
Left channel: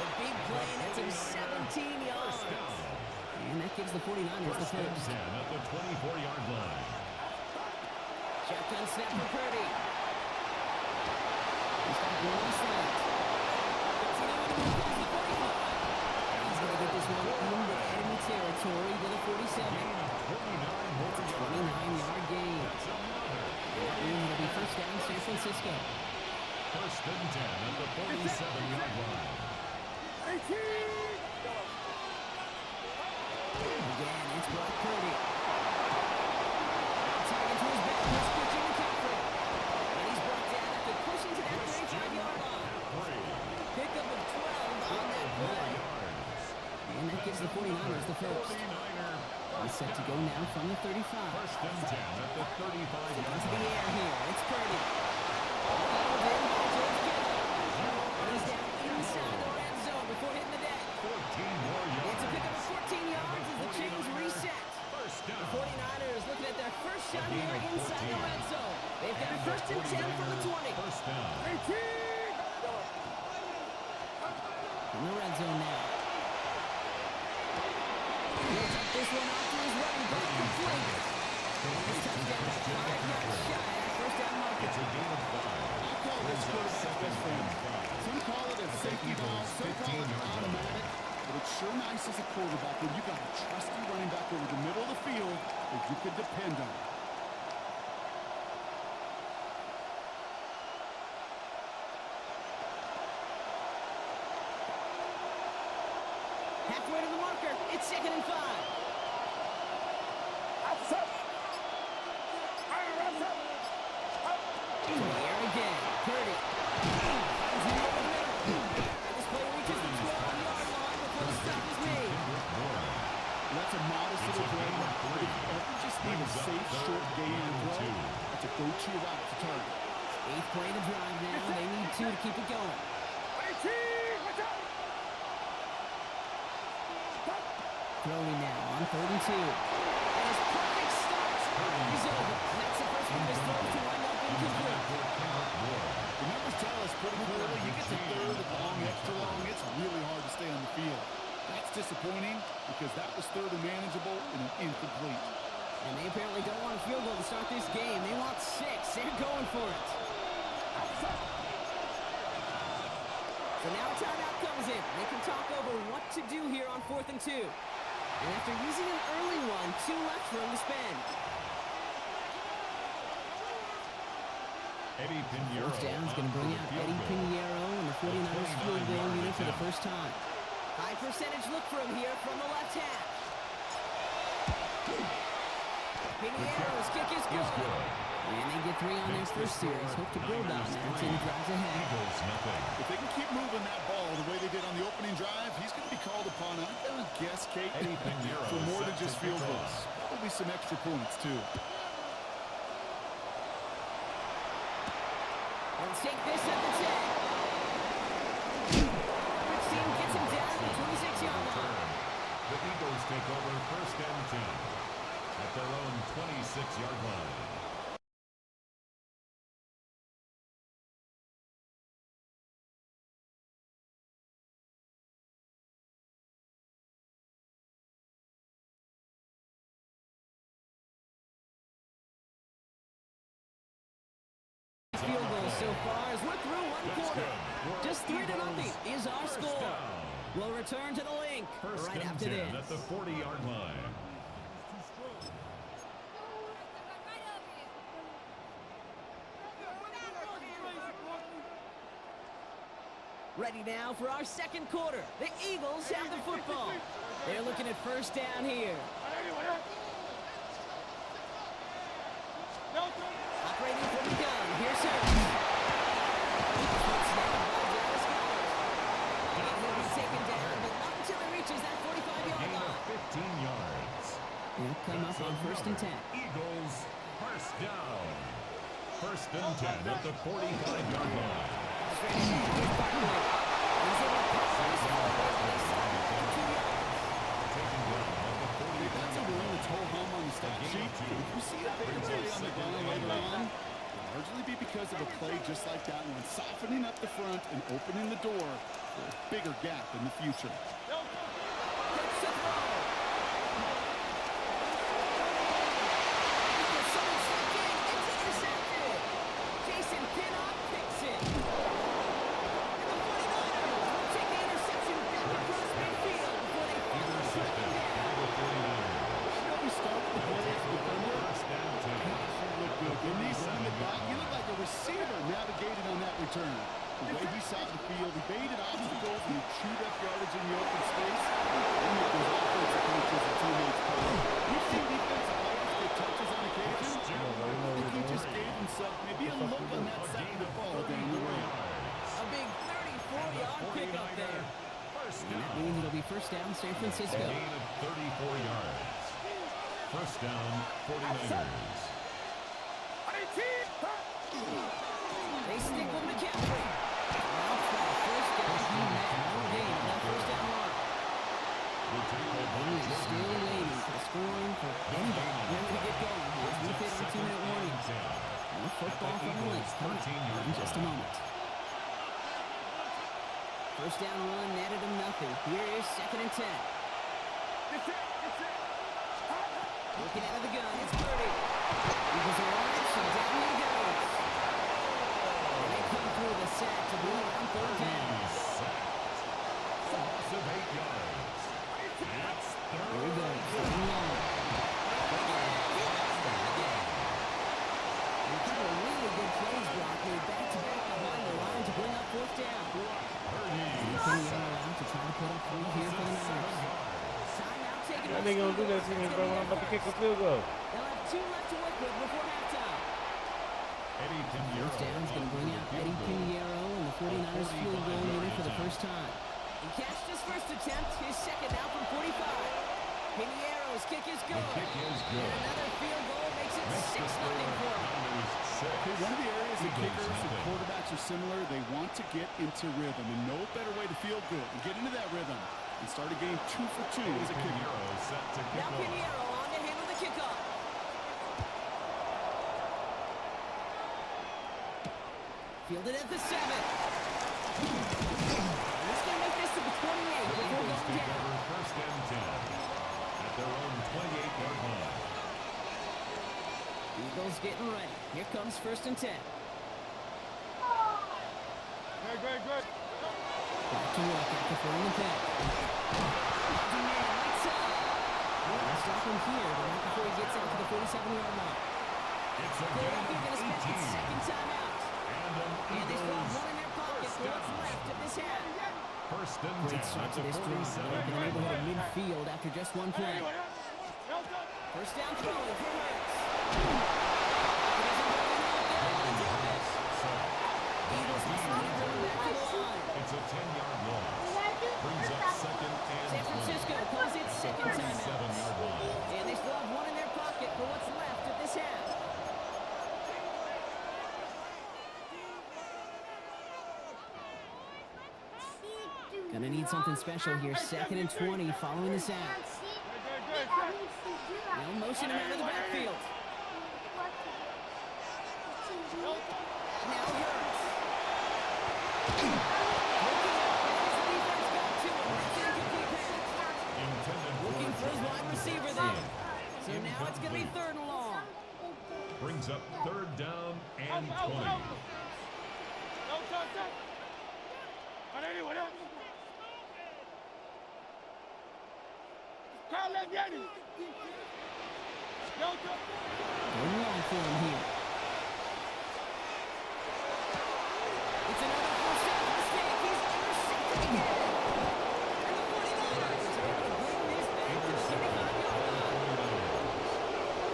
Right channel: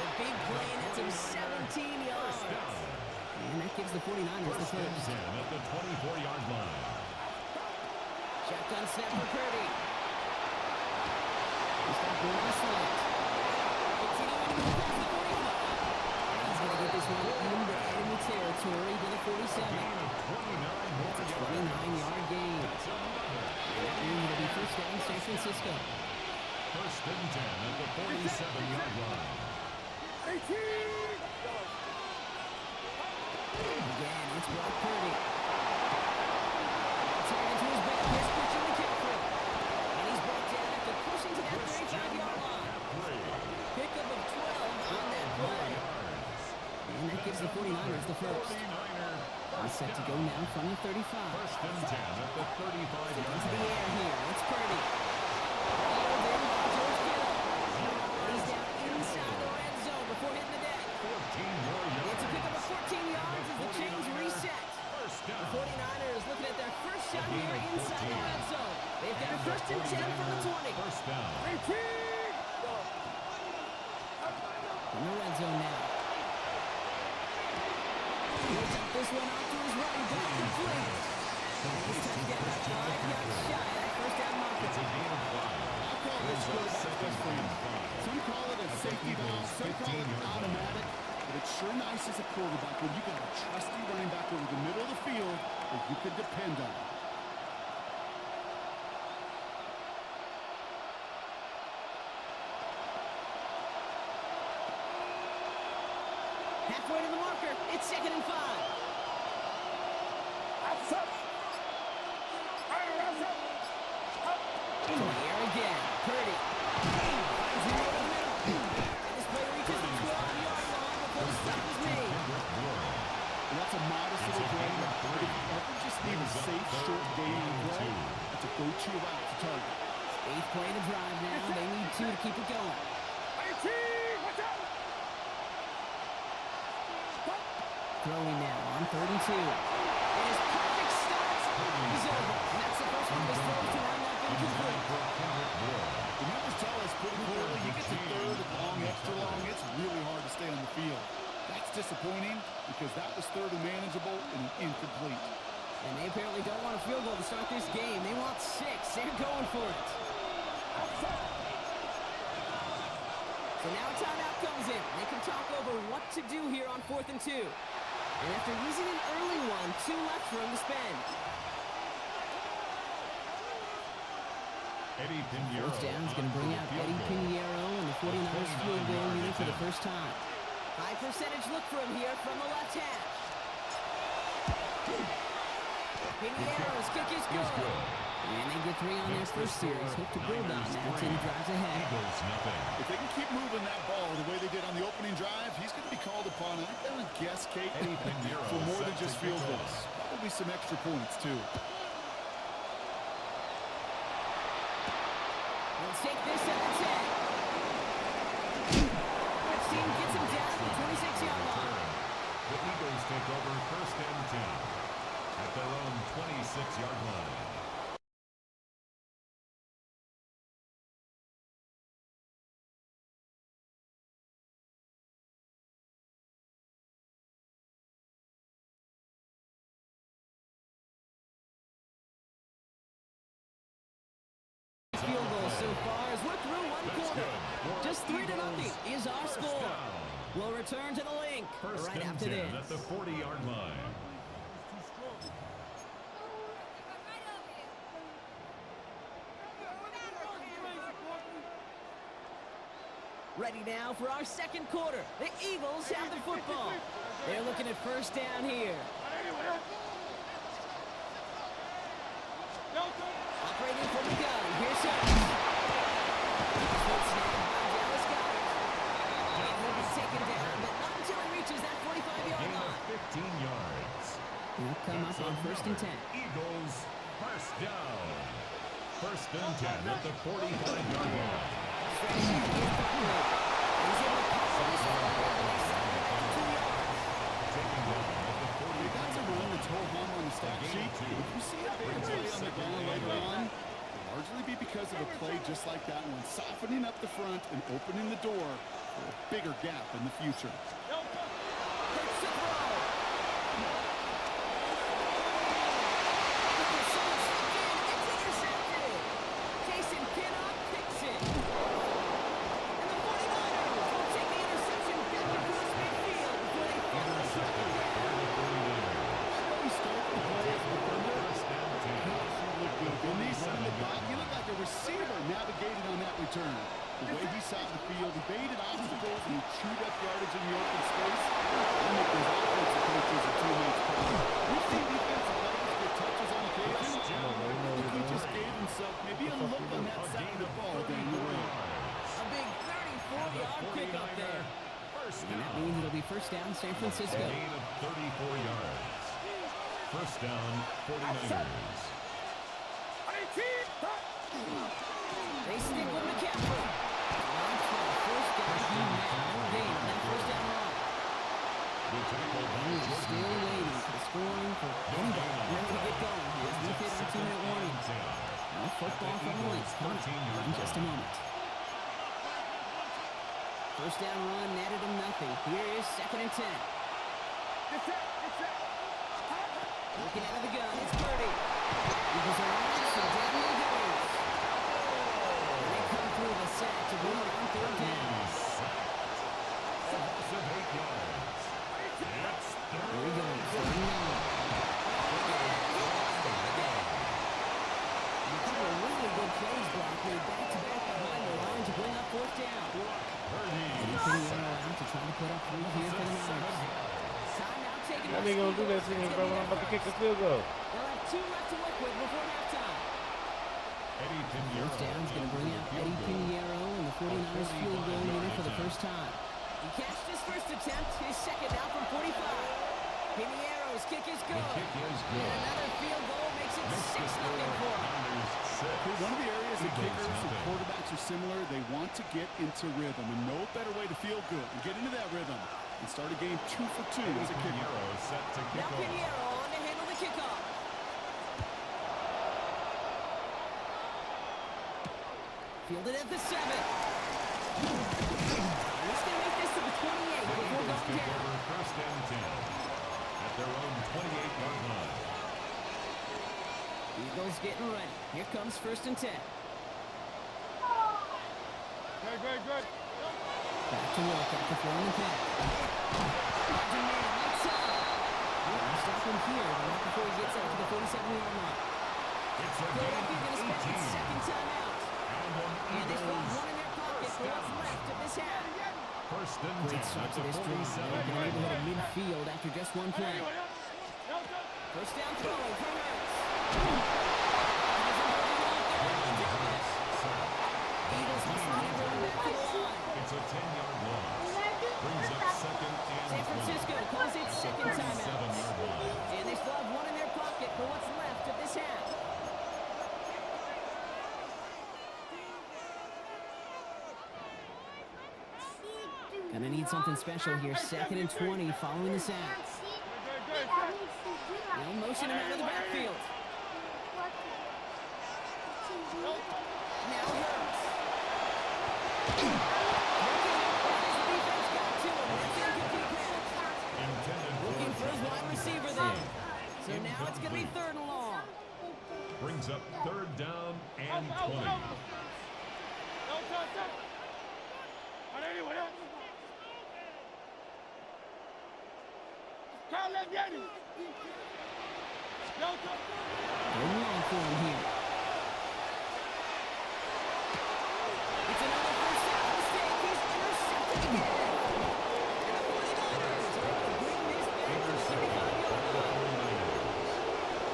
The big play, and that's him 17 yards. And that gives the 49ers the first. At the 24-yard line. Shotgun snap for Purdy. He's got one on the slant. Continuing to move past the 45. He's going to get this one into enemy territory to the 47. It's a 29-yard gain. And that means it'll be first down San Francisco. First and 10 at the 47-yard line. Again, it's Brock Purdy. Target to his back. Here's Christian McCaffrey. And he's brought down after pushing to that 35-yard line. Pickup of 12 on that play. And that gives the 49ers the first. He's set to go now from the 35. First and 10 at the 35-yard line. Into the air here. It's Purdy. Nailed in by George Kittle. And he's down inside the red zone before hitting the deck. 14 more yards. It's a pickup of 14 yards as the chains reset. The 49ers looking at their first shot here inside the red zone. They've got a first and 10 from the 20. First down. From the red zone now. He'll dump this one off to his running back, complete. And he's touchdown about 5 yards shy of that first down marker. It's a gain of 5. I call this quarterback's best friend. Some call it a safety valve, some call it automatic. But it's sure nice as a quarterback when you got a trusty running back over the middle of the field that you could depend on. Halfway to the marker. It's 2nd and 5. In the air again. Purdy. Finds him over the middle. And this play reaches the 12-yard line before the stop is made. And that's a modest little play. But if you ever just need a safe, short gain to throw, that's a go-to route to target. 8th play of the drive now. They need 2 to keep it going. Throwing now on 3rd and 2. And his perfect start is over. And that's the first one of his throws to wind up incomplete. The numbers tell us pretty clearly, you get to 3rd and long, extra long, it's really hard to stay on the field. That's disappointing because that was 3rd and manageable and an incomplete. And they apparently don't want a field goal to start this game. They want 6. They're going for it. So now a timeout comes in. They can talk over what to do here on 4th and 2. And after using an early one, 2 left for him to spend. Eddie Pinheiro. Fourth down's going to bring out Eddie Pinheiro and the 49ers field goal unit for the first time. High percentage look for him here from the left hash. Pinheiro's kick is good. And they get 3 on their first series. Hope to build on that until he drives ahead. Eagles nothing. If they can keep moving that ball the way they did on the opening drive, he's going to be called upon, I'm going to guess, Kate, for more than just field goals. Probably some extra points, too. Let's take this at the 10. Which team gets him down to the 26-yard line. The Eagles take over first and 10 at their own 26-yard line. Field goals so far as we're through one quarter. Just 3-0 is our score. We'll return to the link right after this. At the 40-yard line. Ready now for our second quarter. The Eagles have the football. They're looking at first down here. Operating from the gun. Here's him. This one snapped by Dallas Goedert. And he'll be taken down, but not until he reaches that 45-yard line. 15 yards. They'll come up on first and 10. Eagles first down. First and 10 at the 45-yard line. Straight ahead. Here's Barkley. He's able to power this forward, and they stop it after 2 yards. Taken down at the 40. They got to run the toe hum on the stat sheet. If you see a bigger play on the ground later on, it'll largely be because of a play just like that one, softening up the front and opening the door for a bigger gap in the future. Hurts to throw. Oh, someone slipped in. It's intercepted. Jason Pinnock picks it. And the 49ers will take the interception back across midfield before they finally track him down. I know he started the play as a defender. Gosh, he looked good. Didn't he? Running it back. He looked like a receiver navigating on that return. The way he saw the field, he baited obstacles and he chewed up yardage in the open space. They make those offensive coaches and teammates proud. We've seen defensive players get touches on occasion. I think he just gave himself maybe a look on that side of the ball down the road. A big 34-yard pickup there. And that means it'll be first down San Francisco. A gain of 34 yards. First down, 49ers. They stick with McCaffrey. Launch by the first guy he met. No gain on that first down run. The tackle by He is Jordan still Davis. waiting for the scoring for anybody ready to get going. Here's we hit our 2-minute warning. More football from the Lynx coming up in just a moment. First down run netted him nothing. Here is 2nd and 10. Looking out of the gun, it's Purdy. Eagles are on it, and down he goes. And they come through the sack to bring around 3rd down. A loss of 8 yards. It's Here he goes, third and long. He goes down again. And a couple of really good plays, Brock, made back-to-back behind the line to bring up 4th down. And he's putting Arrow out to try to put up 3 here for the Niners. Timeout taken by How they gonna do that to me, bro, when I'm about to kick a field goal? They'll have 2 left to work with before halftime. Eddie Pinheiro. First down's going to bring out Eddie Pinheiro and the 49ers field goal unit for the first time. He cashed his first attempt, his second now from 45. Pinheiro's kick is good. Kick is good. And another field goal makes it 6-0 for him. Okay, one of the areas that kickers and quarterbacks are similar, they want to get into rhythm, and no better way to feel good and get into that rhythm and start a game 2 for 2 as a kicker. Pinheiro set to kick Now off. Pinheiro on to handle the kickoff. Fielded at the 7. And he's going to make this to the 28 before Eagles going take down. over first and 10 at their own 28-yard line. Eagles getting ready. Here comes 1st and 10. Good. Back to work after throwing the pick. Dodging man, right side. They'll stop him here, but not before he gets out to the 47-yard line. It's a Philadelphia gain going to spend of its 18. second timeout. And they still have 1 in their pocket for what's left of this half. First and 10 Great start at to the this drive. They're in the 47-yard neighborhood of line. midfield after just 1 play. First down throwing for Hurts. It isn't moving off. They're able to drop it. Eagles hustling everyone back to the line. It's a 10-yard loss. Brings up second and San 20 Francisco calls it at the second timeout. 37-yard line. And they still have 1 in their pocket for what's left of this half. Gonna need something special here. 2nd and 20 following the sack. They'll motion him out of the backfield. Now Hurts. Looking out. As the defense got to him. That's incomplete pass. Intended Looking for his wide receiver there. So now it's gonna be 3rd and long. Brings up 3rd down and 20. Going long for him here. It's another first down mistake. He's intercepted again. And the 49ers are able to bring this back to the 35-yard line.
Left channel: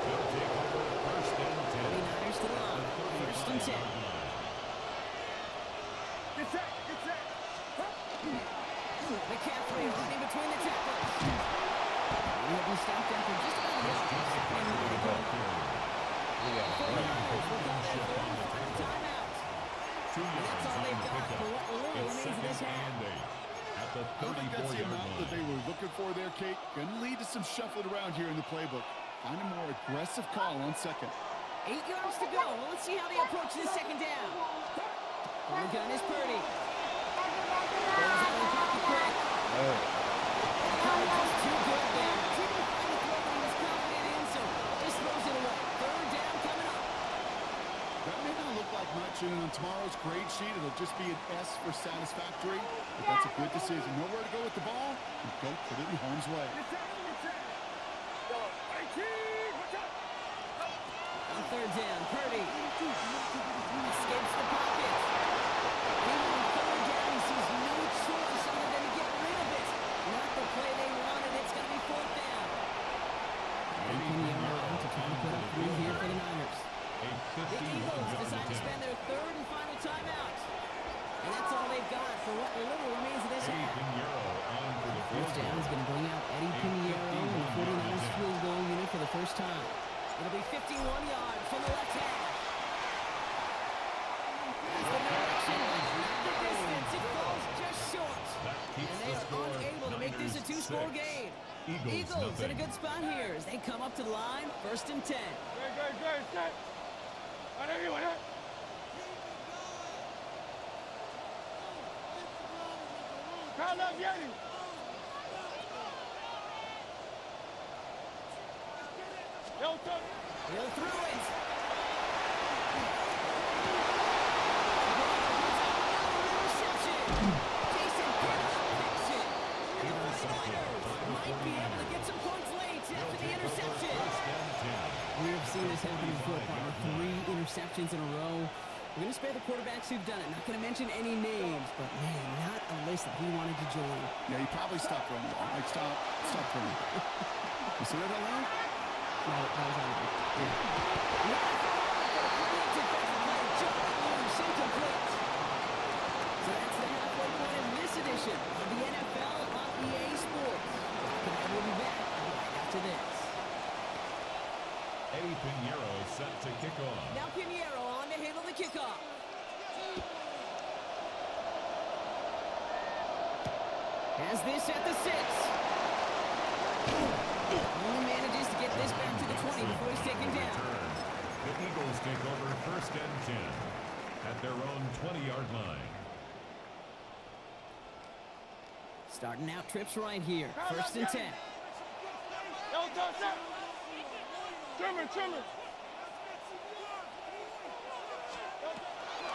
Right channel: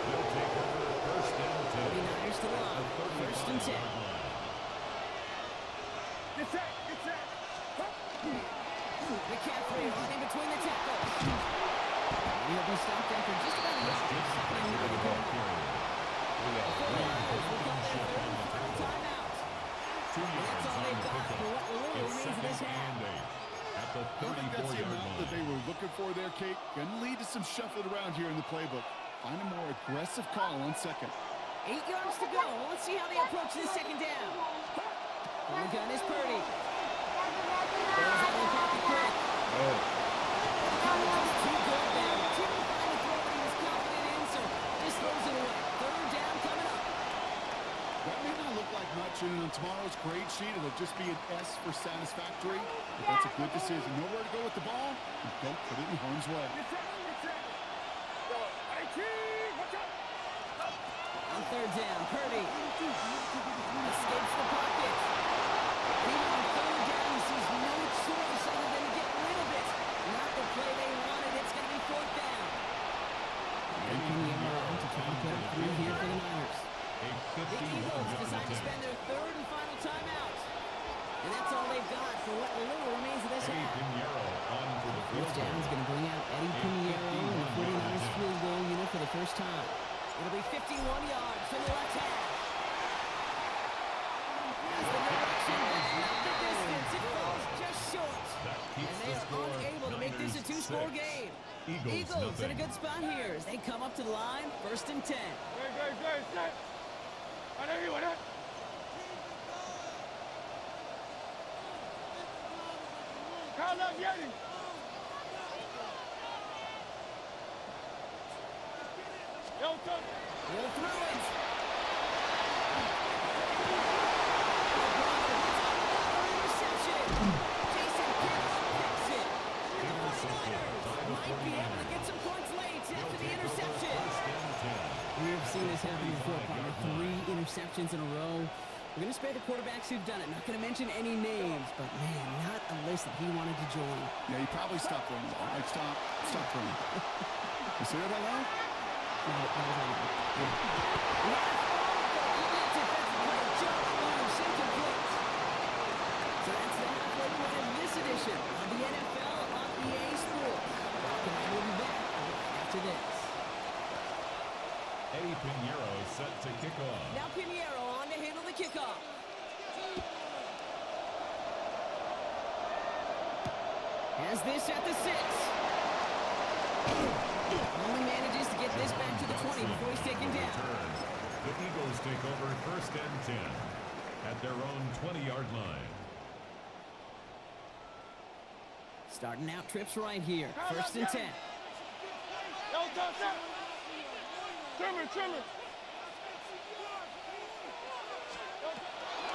They'll take over first and 10. 49ers to the line. First and 10. McCaffrey running between the tackles. And he'll be stopped after just about a yard. 2nd and 9. 49ers will call their 3rd and final timeout. 2 And yards that's all on they've the got pickup. for what little It's remains of this 2nd half. and 8 at the I don't think that's the 34-yard amount that they line. were looking for there, Kate. Going to lead to some shuffling around here in the playbook. Find a more aggressive call on second. 8 yards to go. Let's see how they approach this second down. From the gun is Purdy. Goes out of the pocket quick. The coverage is too good there. Didn't find a throw that he was confident in, so just throws it away. 3rd down coming up. That may not look like much, and on tomorrow's grade sheet, it'll just be an S for satisfactory. But that's a good decision. Nowhere to go with the ball, and don't put it in harm's way. On 3rd down, Purdy escapes the pocket. And even on 3rd down, he sees no choice other than to get rid of it. Not the play they wanted. It's going to be 4th down. And Pinheiro out to try and put up 3 here for the Niners. The Eagles decide to spend their 3rd and final timeout. And that's all they've got for what little remains of this half. Pinheiro on for the field 4th down is going to bring out Eddie Pinheiro in the 49ers field goal unit for the first time. It'll be 51 yards from the left hash. As the direction, but not the distance. It falls just short. And they are unable to make this a 2-score game. Eagles in a good spot here as they come up to the line, 1st and 10. He'll throw it. Another interception. Jason Pinnock picks it. And the 49ers might be able to get some points late after the interception. We have seen this happen before, partner. 3 interceptions in a row. We're going to spare the quarterbacks who've done it. Not going to mention any names, but, man, not a list that he wanted to join. Yeah, he probably stopped throwing the ball. Like, stop throwing. You see that out loud? No, that was out loud. Yeah. He had it for a moment, but a complete defensive play. Just loose, incomplete. So that's the halfway point of this edition of the NFL on EA Sports. Brock and I will be back right after this. Eddie Pinheiro set to kick off. Now Pinheiro on to handle the kickoff. Has this at the 6. Only manages to get this back to the 20 before he's taken down. The Eagles take over 1st and 10 at their own 20-yard line. Starting out trips right here. 1st and 10.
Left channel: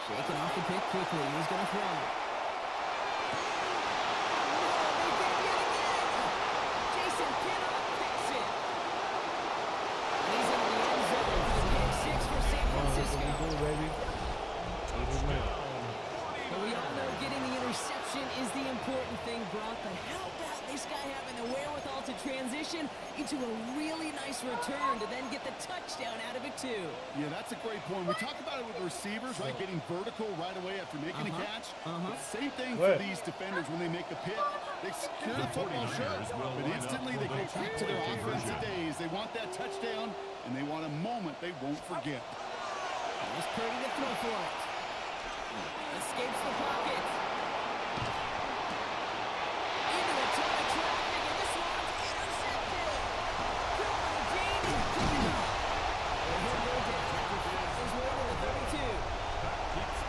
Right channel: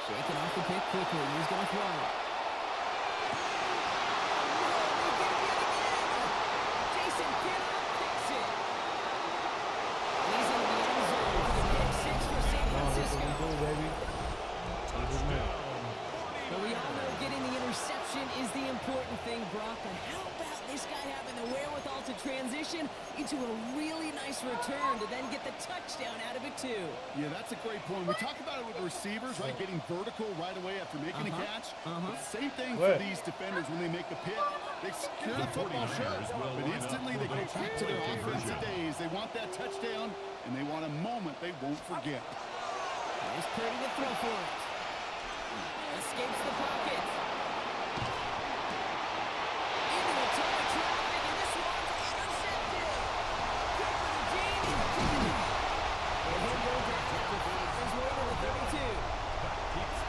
Shaking off the pick quickly. He's going to throw. No, they get him yet again. Jason Pinnock picks it. He's in the end zone for the pick 6 for San Francisco. But we all know getting the interception is the important thing, Brock. But how about this guy having the wherewithal to transition into a really nice return to then get the touchdown out of it, too? Yeah, that's a great point. We talk about it with the receivers, right? Getting vertical right away after making a catch. Same thing for these defenders when they make a pick. They secure the football, sure, but instantly they go back to their offensive days. They want that touchdown, and they want a moment they won't forget. Here's Purdy to throw for it. Escapes the pocket. Into a ton of traffic, and this one's intercepted. Cooper to Gene, he's picking up. And he'll go down after his way to the 32.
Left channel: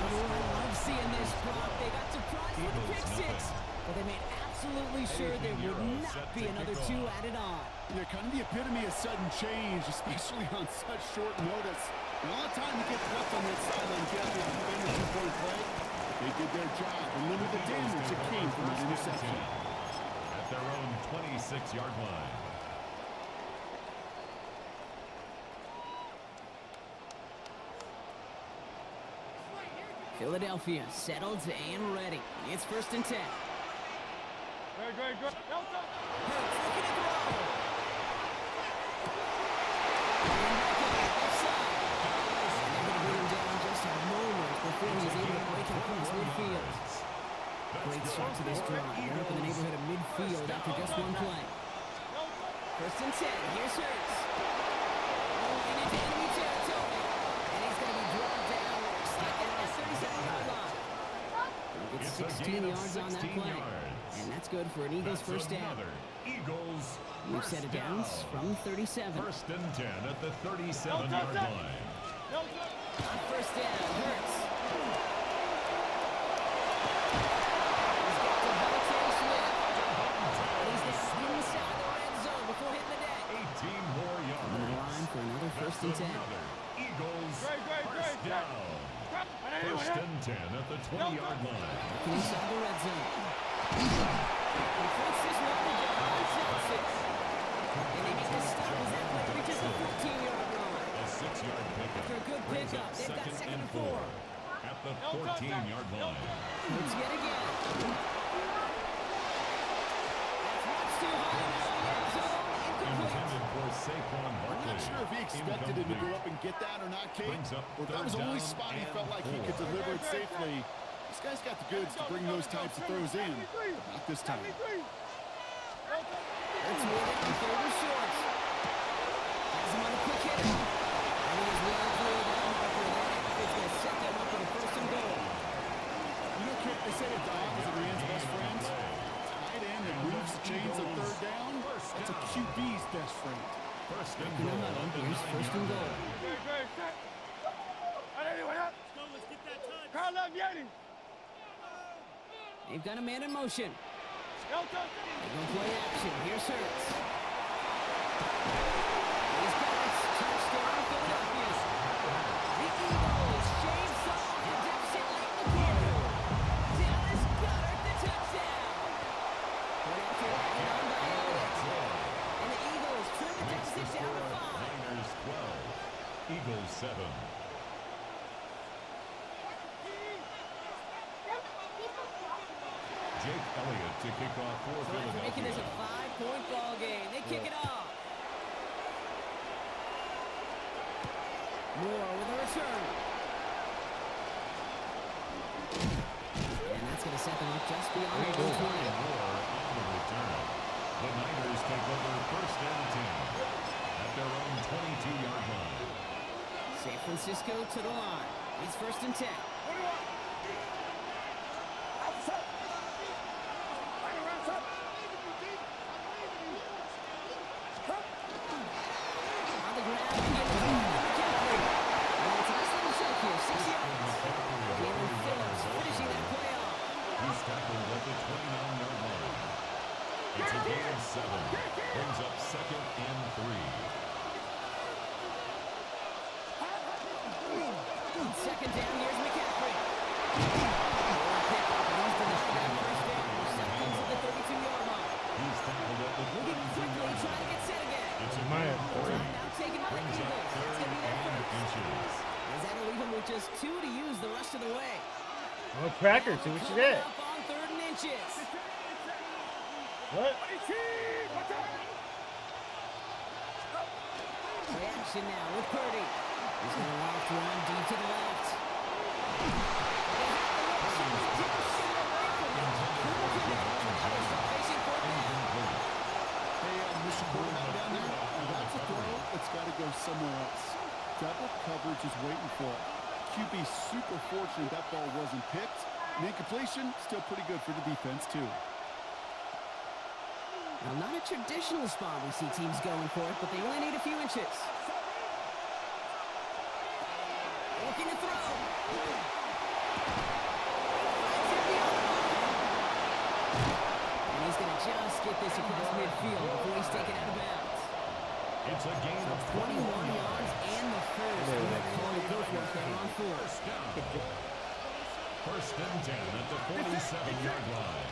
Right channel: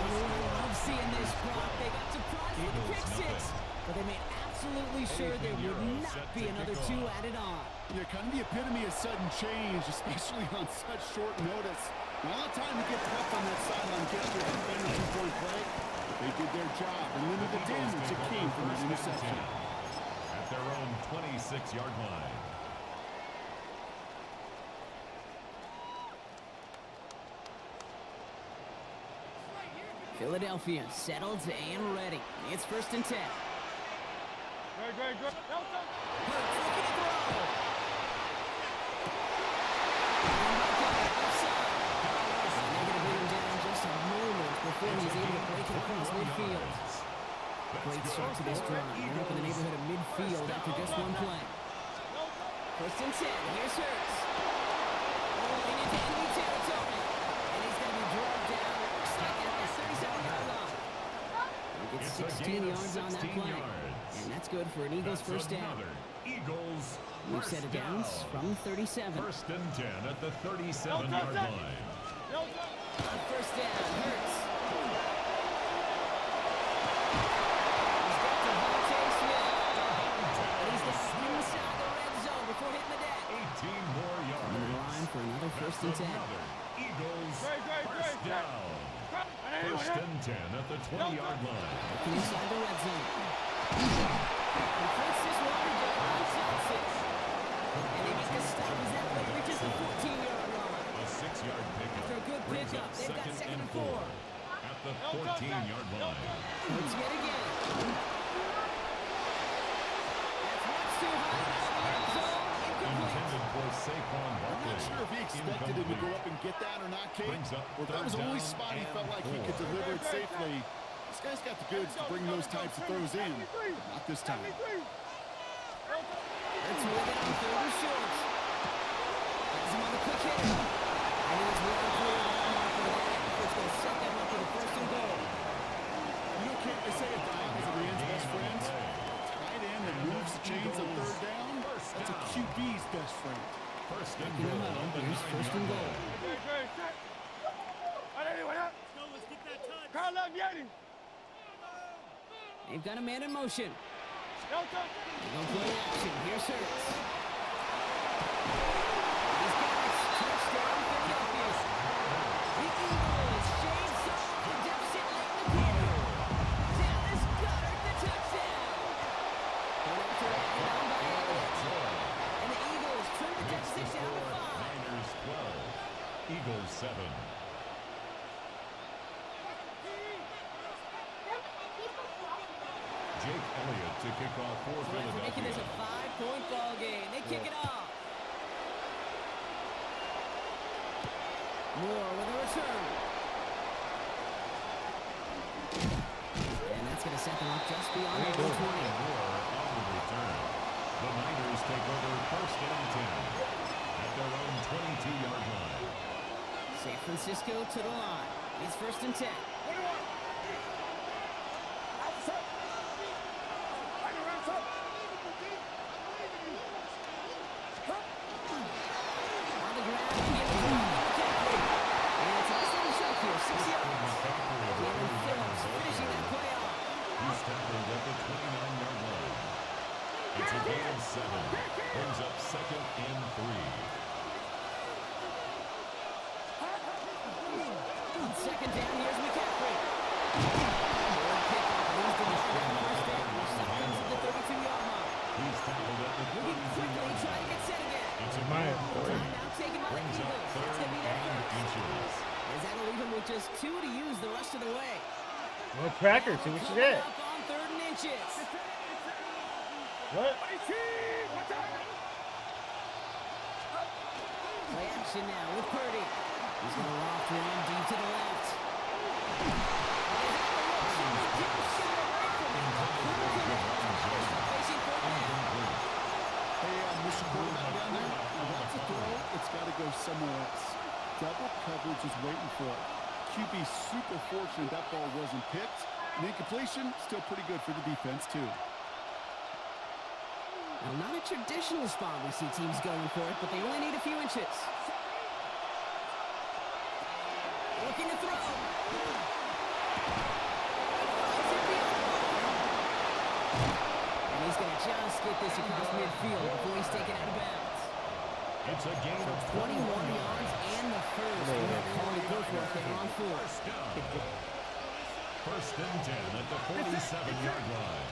Oh, I love seeing this, Brock. They got surprised with the pick 6, but they made absolutely sure there would not be another 2 added on. Yeah, kind of the epitome of sudden change, especially on such short notice. Not a lot of time to get left on that sideline, get out there and defend the 2-point play. But they did their job and limit the damage that came from that interception. At their own 26-yard line. Philadelphia settled and ready. It's 1st and 10. Hurts looking to throw. And back up, left side. And they're going to bring him down just a moment before he's able to break it across midfield. Great start to this drive. They're up in the neighborhood of midfield after just one play. 1st and 10. Here's Hurts. Moving into enemy territory. And he's going to be drugged down. Looks like at that 37-yard line. Gets It's a 16 gain of yards on that 16 play. yards. And that's good for an Eagles That's first down. another Eagles We've first set it down from 37. First and 10 at the 37-yard line. On first down, Hurts. He's got Devontae Smith. And he's down inside the red zone before hitting the deck. 18 more yards. Coming to the line for another first and 10. Another Eagles first down. First and 10 at the 20-yard line. Looking inside the red zone. Completes this one to Javon Johnson. And they get the stop as that play reaches the 14-yard line. A 6-yard pickup. After a good brings pickup, up they've got second and 4. At the 14-yard line. Hurts yet again. That's much too high out of the end zone. Incomplete. Intended for Saquon I'm Barkley. not sure if he expected him to go up and get that or not, Kate. Brings up Or if that was the only third spot he down felt like he and could 4. deliver it safely. This guy's got the goods to bring those types of throws in, but not this time. Hurts with it on third and short. Has him on the quick hitter. And he is well through that marker there. It's going to set them up for the first and goal. You know, Kate, they say a dog is a man's best friend. Tight end that moves the chains on third down, that's a QB's best friend. First and In the goal huddle, at the here's first and 9-yard goal. line. They've got a man in motion. They go play action. Here's Hurts. He's got it. Touchdown, Philadelphia. The Eagles shave off the deficit late in the quarter. Dallas Goedert the touchdown. And after added on by Elliott. And the Eagles trim the Makes the deficit down to score 5. Niners 12, Eagles 7. Jake Elliott to kick off for So after making this a Philadelphia. 5-point ball game, they kick it off. Moore with a return. And that's going to set them up just beyond the 20. Moore on the return. The Niners take over first and 10 at their own 22-yard line. San Francisco to the line. It's first and 10. On the ground, begin the drive from McCaffrey. And it's a nice little choke here, 6 yards. Jalen Phillips finishing that play off. He's tackled at the 29-yard line. It's a gain of 7. Brings up second and 3. On second down, here's McCaffrey. Short pickup, and he's denied that first down. Stop comes at the 32-yard line. He's tackled at the Moving quickly, 32-yard trying to line. get set again. It's a Mine. gain of 3. Time now taken by the Brings up Eagles. That's third going to be their and first. inches. As that'll leave him with just 2 to use the rest of the way. Well, cracker, see what you Coming get. up on third and inches. What? Play action now with Purdy. He's going to loft one deep to the left. Well, they had the look. Simply didn't shoot away from him. Couldn't connect. Now they start facing fourth down. Hey, Mr. Quarterback down there, now that's a throw that's got to go somewhere else. Double coverage is waiting for it. QB super fortunate that ball wasn't picked. And incompletion, still pretty good for the defense, too. Now, not a traditional spot we see teams going for it, but they only need a few inches. Looking to throw. He finds it beyond the marker. And he's going to just get this across midfield before he's taken out of bounds. It's a gain of 21 yards and the first. Calling it good work there on 4. First down. First and 10 at the 47-yard line.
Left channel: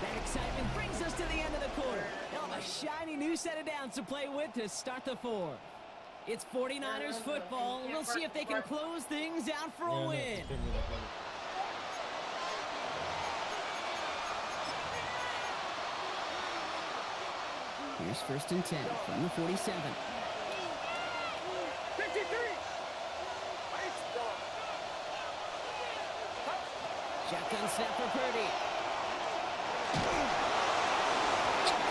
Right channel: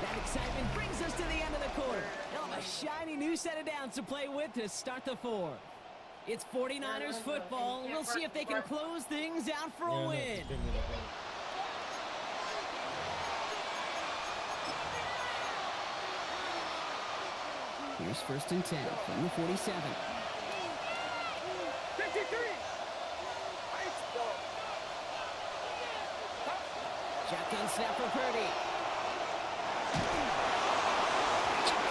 That excitement brings us to the end of the quarter. They'll have a shiny new set of downs to play with to start the 4th. It's 49ers football. We'll see if they can close things out for a win. Here's first and 10 from the 47. 53. Shotgun snap for Purdy.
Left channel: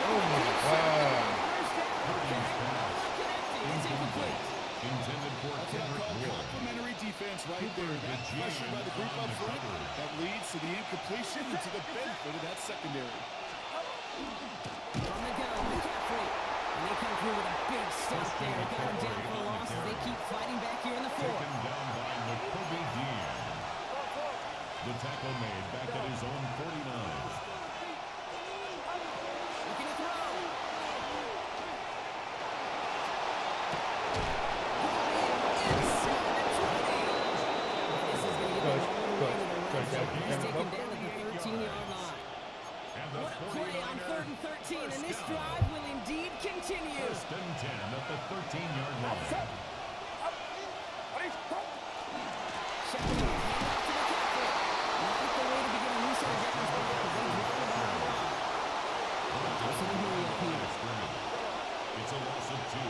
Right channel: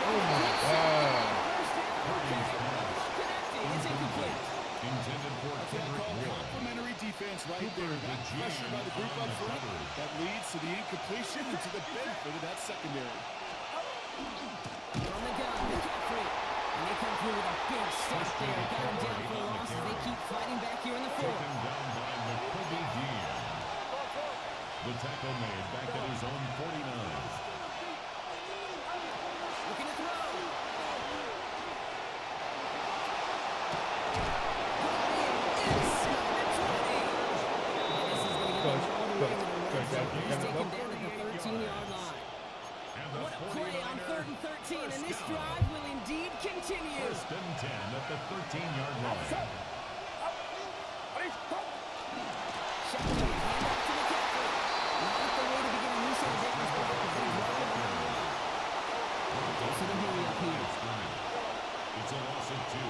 Oh my God. First down, okay. Almost connected. It's incomplete. Intended for That's what I Kendrick call Ward. complimentary defense right Cooper there. That DeJean pressure by the group on up the front, coverage. that leads to the incompletion and to the benefit of that secondary. From the gun, McCaffrey. And they come through with a big stop there. Got him down for a loss as they keep fighting back here in the fourth. Taken down by McCoby Dean. The tackle made back at his own 49. Looking to throw. Got in inside the 20. And this is going to get them all the way to the red zone. He's taken down at the 13-yard line. And the What a play on 3rd and 13, and this down. drive will indeed continue. 1st and 10 at the 13-yard line. Shotgun, hand off to McCaffrey. Not the way to begin a new set of downs because they drop the ball a lot. Goes to the hurry up here. It's a loss of 2.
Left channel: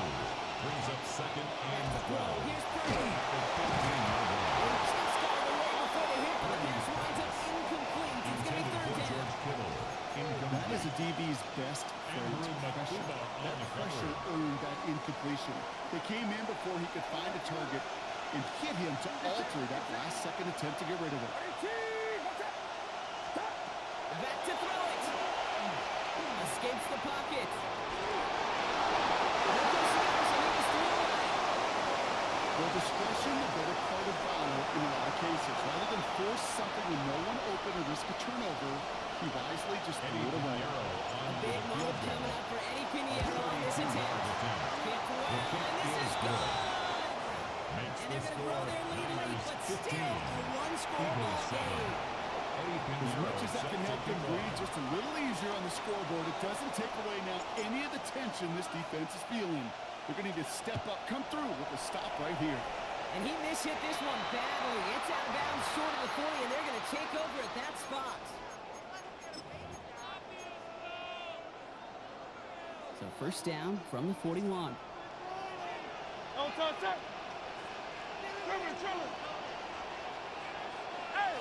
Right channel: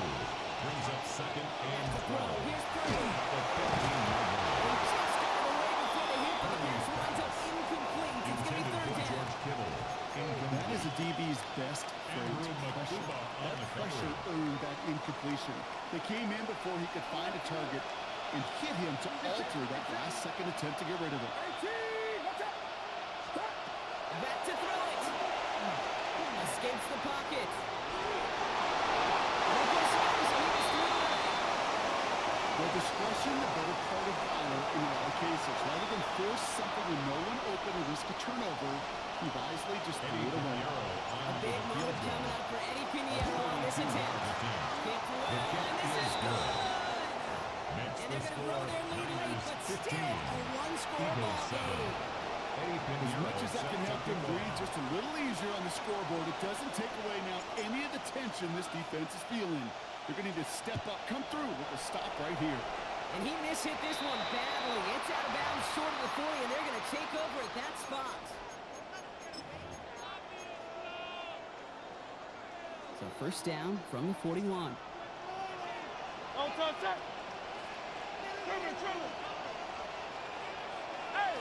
Brings up 2nd and Back to throw. 12 Here's Purdy. at the 15-yard line. They just got it away before the hit, but the pass winds up incomplete. It's going to be Intended 3rd for down. George Kittle. That is a DB's best phrase, Andrew pressure. Makuba on That the pressure coverage. earned that incompletion. They came in before he could find a target and hit him to alter that last-second attempt to get rid of it. Back to throw it. Escapes the pocket. No place to go, so he just threw it away. Well, discretion, the better part of valor in a lot of cases. Rather than force something with no one open or risk a turnover, he wisely just threw it away. A big moment coming up for Eddie Pinheiro on this attempt. Kick well, and this is good. Makes And the they're going to score grow their lead late, Niners but 15. still a one-score Eagles ball 7. game. Eddie As Pinheiro much as that set can to help them kick breathe off. just a little easier on the scoreboard, it doesn't take away now any of the tension this defense is feeling. They're going to need to step up, come through with a stop right here. And he mishit this one badly. It's out of bounds short of the 40, and they're going to take over at that spot. So 1st down from the 41. Don't touch that. Trimmer. Hey.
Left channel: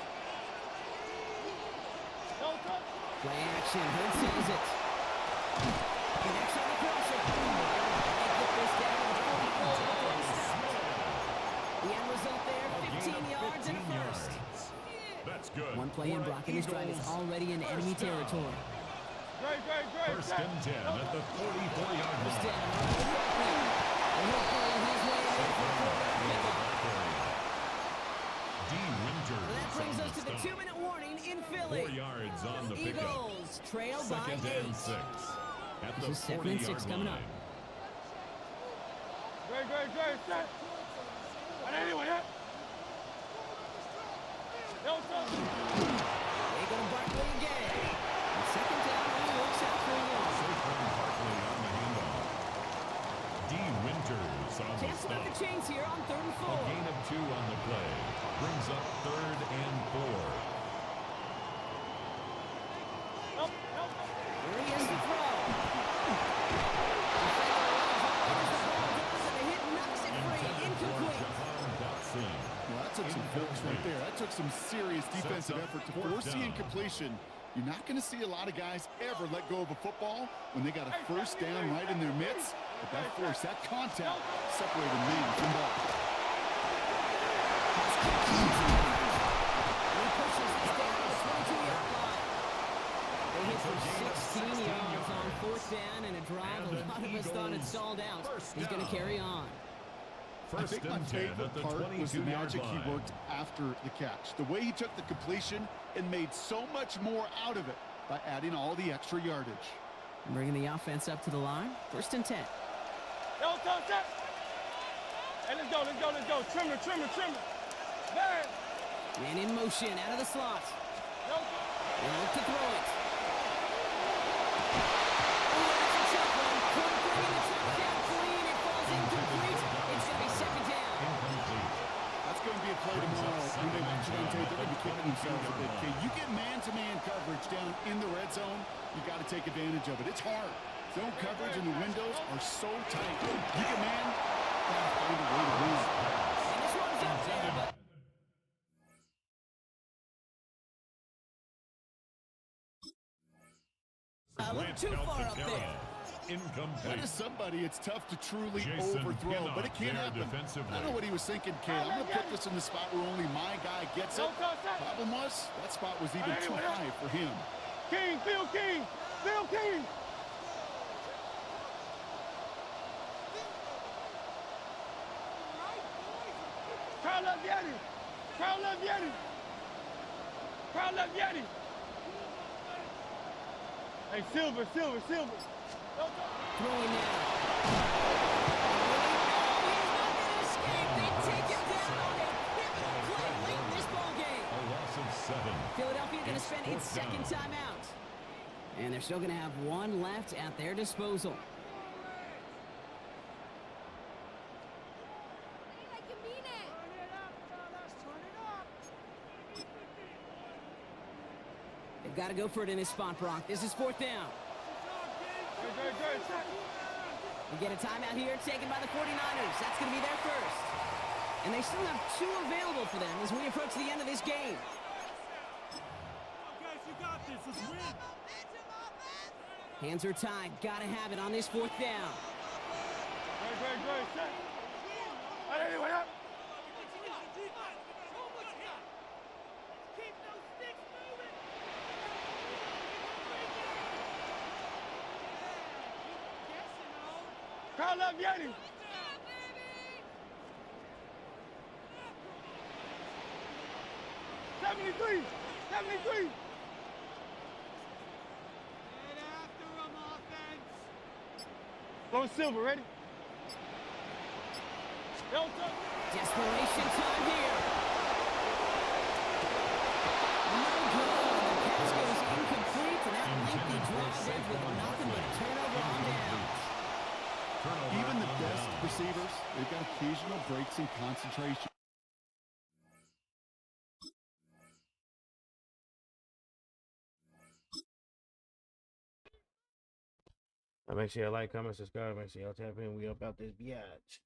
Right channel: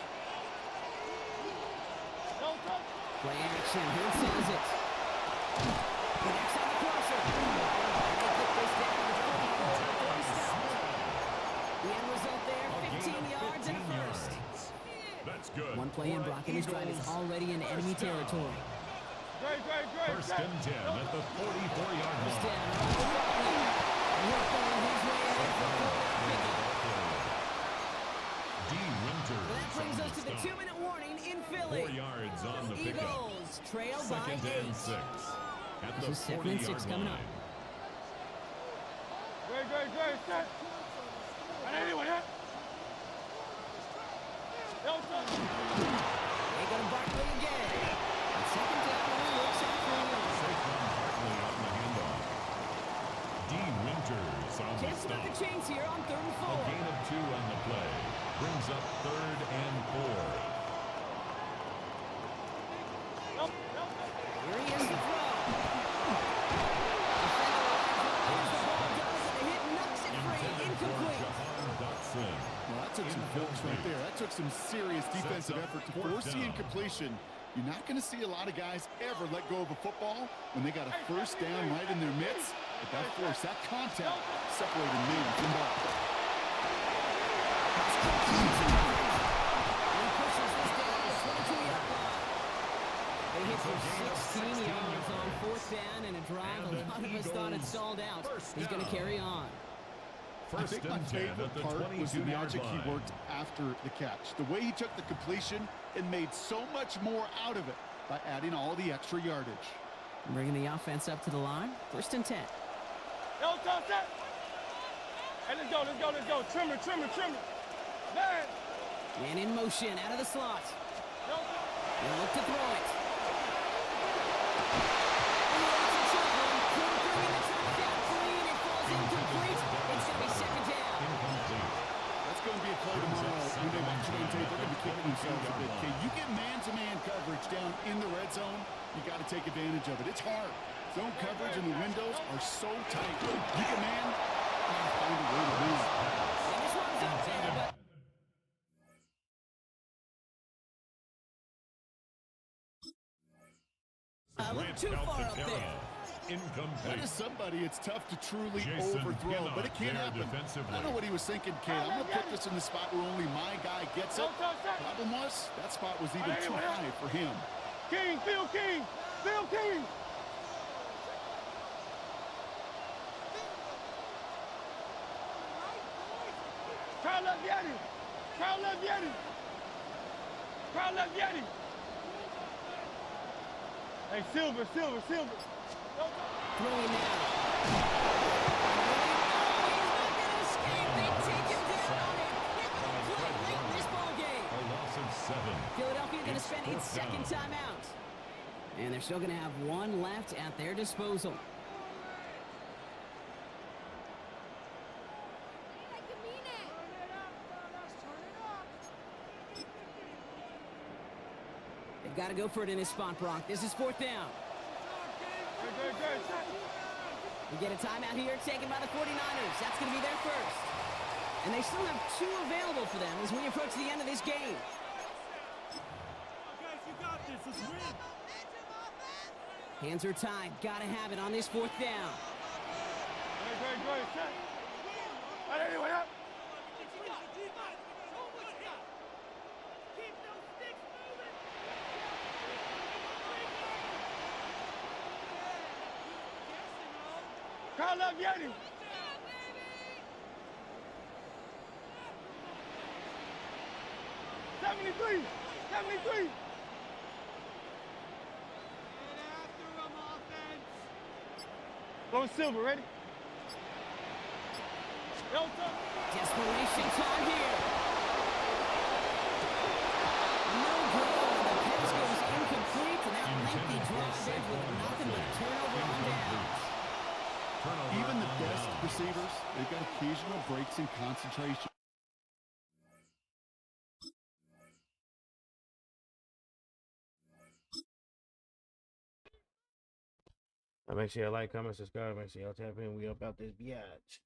Don't touch. Play action. Hurts has it. Connects on the crosser. And they get this down to the 44 before he stops. The end result there, A gain 15 of yards and a 15 first. yards. That's good. One play in For Brock, and this drive is Eagles. already in enemy First down. territory. Great. 1st and 10 at the 44-yard First line. down, Ronald Barkley. And he'll pull his way in there for a 4-down pickup. D. Winters Well, that brings on us to the stop. 2-minute warning in Philly. 4 yards on the pickup. Eagles trail by 2nd 8. and 6 at the This is 2nd and 6 40-yard coming up. line. Great. Set. And anyone hit. Don't touch. They go to Barkley again. And 2nd down only works out for a yard. Saquon Barkley on the handoff. D. Winters on the Chance to stop. make the chains here on 3rd and 4. A gain of 2 on the play. Brings up 3rd and 4. Nope. Here he is to throw. Defender arrives right as the ball does, and the hit knocks it free. Intended for Incomplete. Jahan Dotson. Well, that took some force right there. That took some serious defensive up effort to 4th force the down. incompletion. You're not going to see a lot of guys ever let go of a football when they got a 1st down right in their midst. But that force, that contact, separated man from ball. And he pushes this down to the 22-yard line. They hit for 16 yards on 4th down, and a drive And a lot of us thought it Eagles stalled out. first He's going to down. carry on. I 1st think my and 10 favorite at the part was the 22-yard magic line. he worked after the catch. The way he took the completion and made so much more out of it by adding all the extra yardage. Bringing the offense up to the line. 1st and 10. Don't touch that. Hey, let's go. Trimmer. Man. Man in motion, out of the slot. Don't touch. He'll look to throw it. Oh, it's a tough one. Couldn't bring in the touchdown clean. It falls incomplete. It's going to be 2nd down. Incomplete. That's going to be a play tomorrow. When they watch it on tape, they're going to be kicking themselves a bit. Okay, you get man-to-man coverage down in the red zone, you got to take advantage of it. It's hard. Zone coverage and the windows are so tight. You get man, gotta find a way to win. And this one's up there, but a little too far up there. Incomplete. That is somebody it's tough to truly Jason overthrow, but it can Pinnock there happen. defensively. I don't know what he was thinking, kid. I'm going to put this in the spot where only my guy gets it. Problem was, that spot was even too high for him. King, Phil King, Phil King. Carl Yeti, Carl Yeti, Carl Yeti. Hey, Silver. Throwing now. He's not going to escape. They take him down on a pivotal play late in this ball game. A loss of 7. Philadelphia going to It's spend its fourth second down. timeout. And they're still going to have one left at their disposal. They've got to go for it in this spot, Brock. This is fourth down. Great. We get a timeout here taken by the 49ers. That's going to be their first. And they still have 2 available for them as we approach the end of this game. Guys, you got this. Let's win. Hands are tied. Got to have it on this fourth down. Great. Set. Hey, what up? Carl Yeti. '73. Low Silver, ready? Desperation time here. No good. The pass goes incomplete, and that lengthy drive ends with nothing but a turnover on downs. Even the best receivers, they've got occasional breaks in concentration. Make sure you like, comment, subscribe. Make sure y'all tap in. We up out this biatch.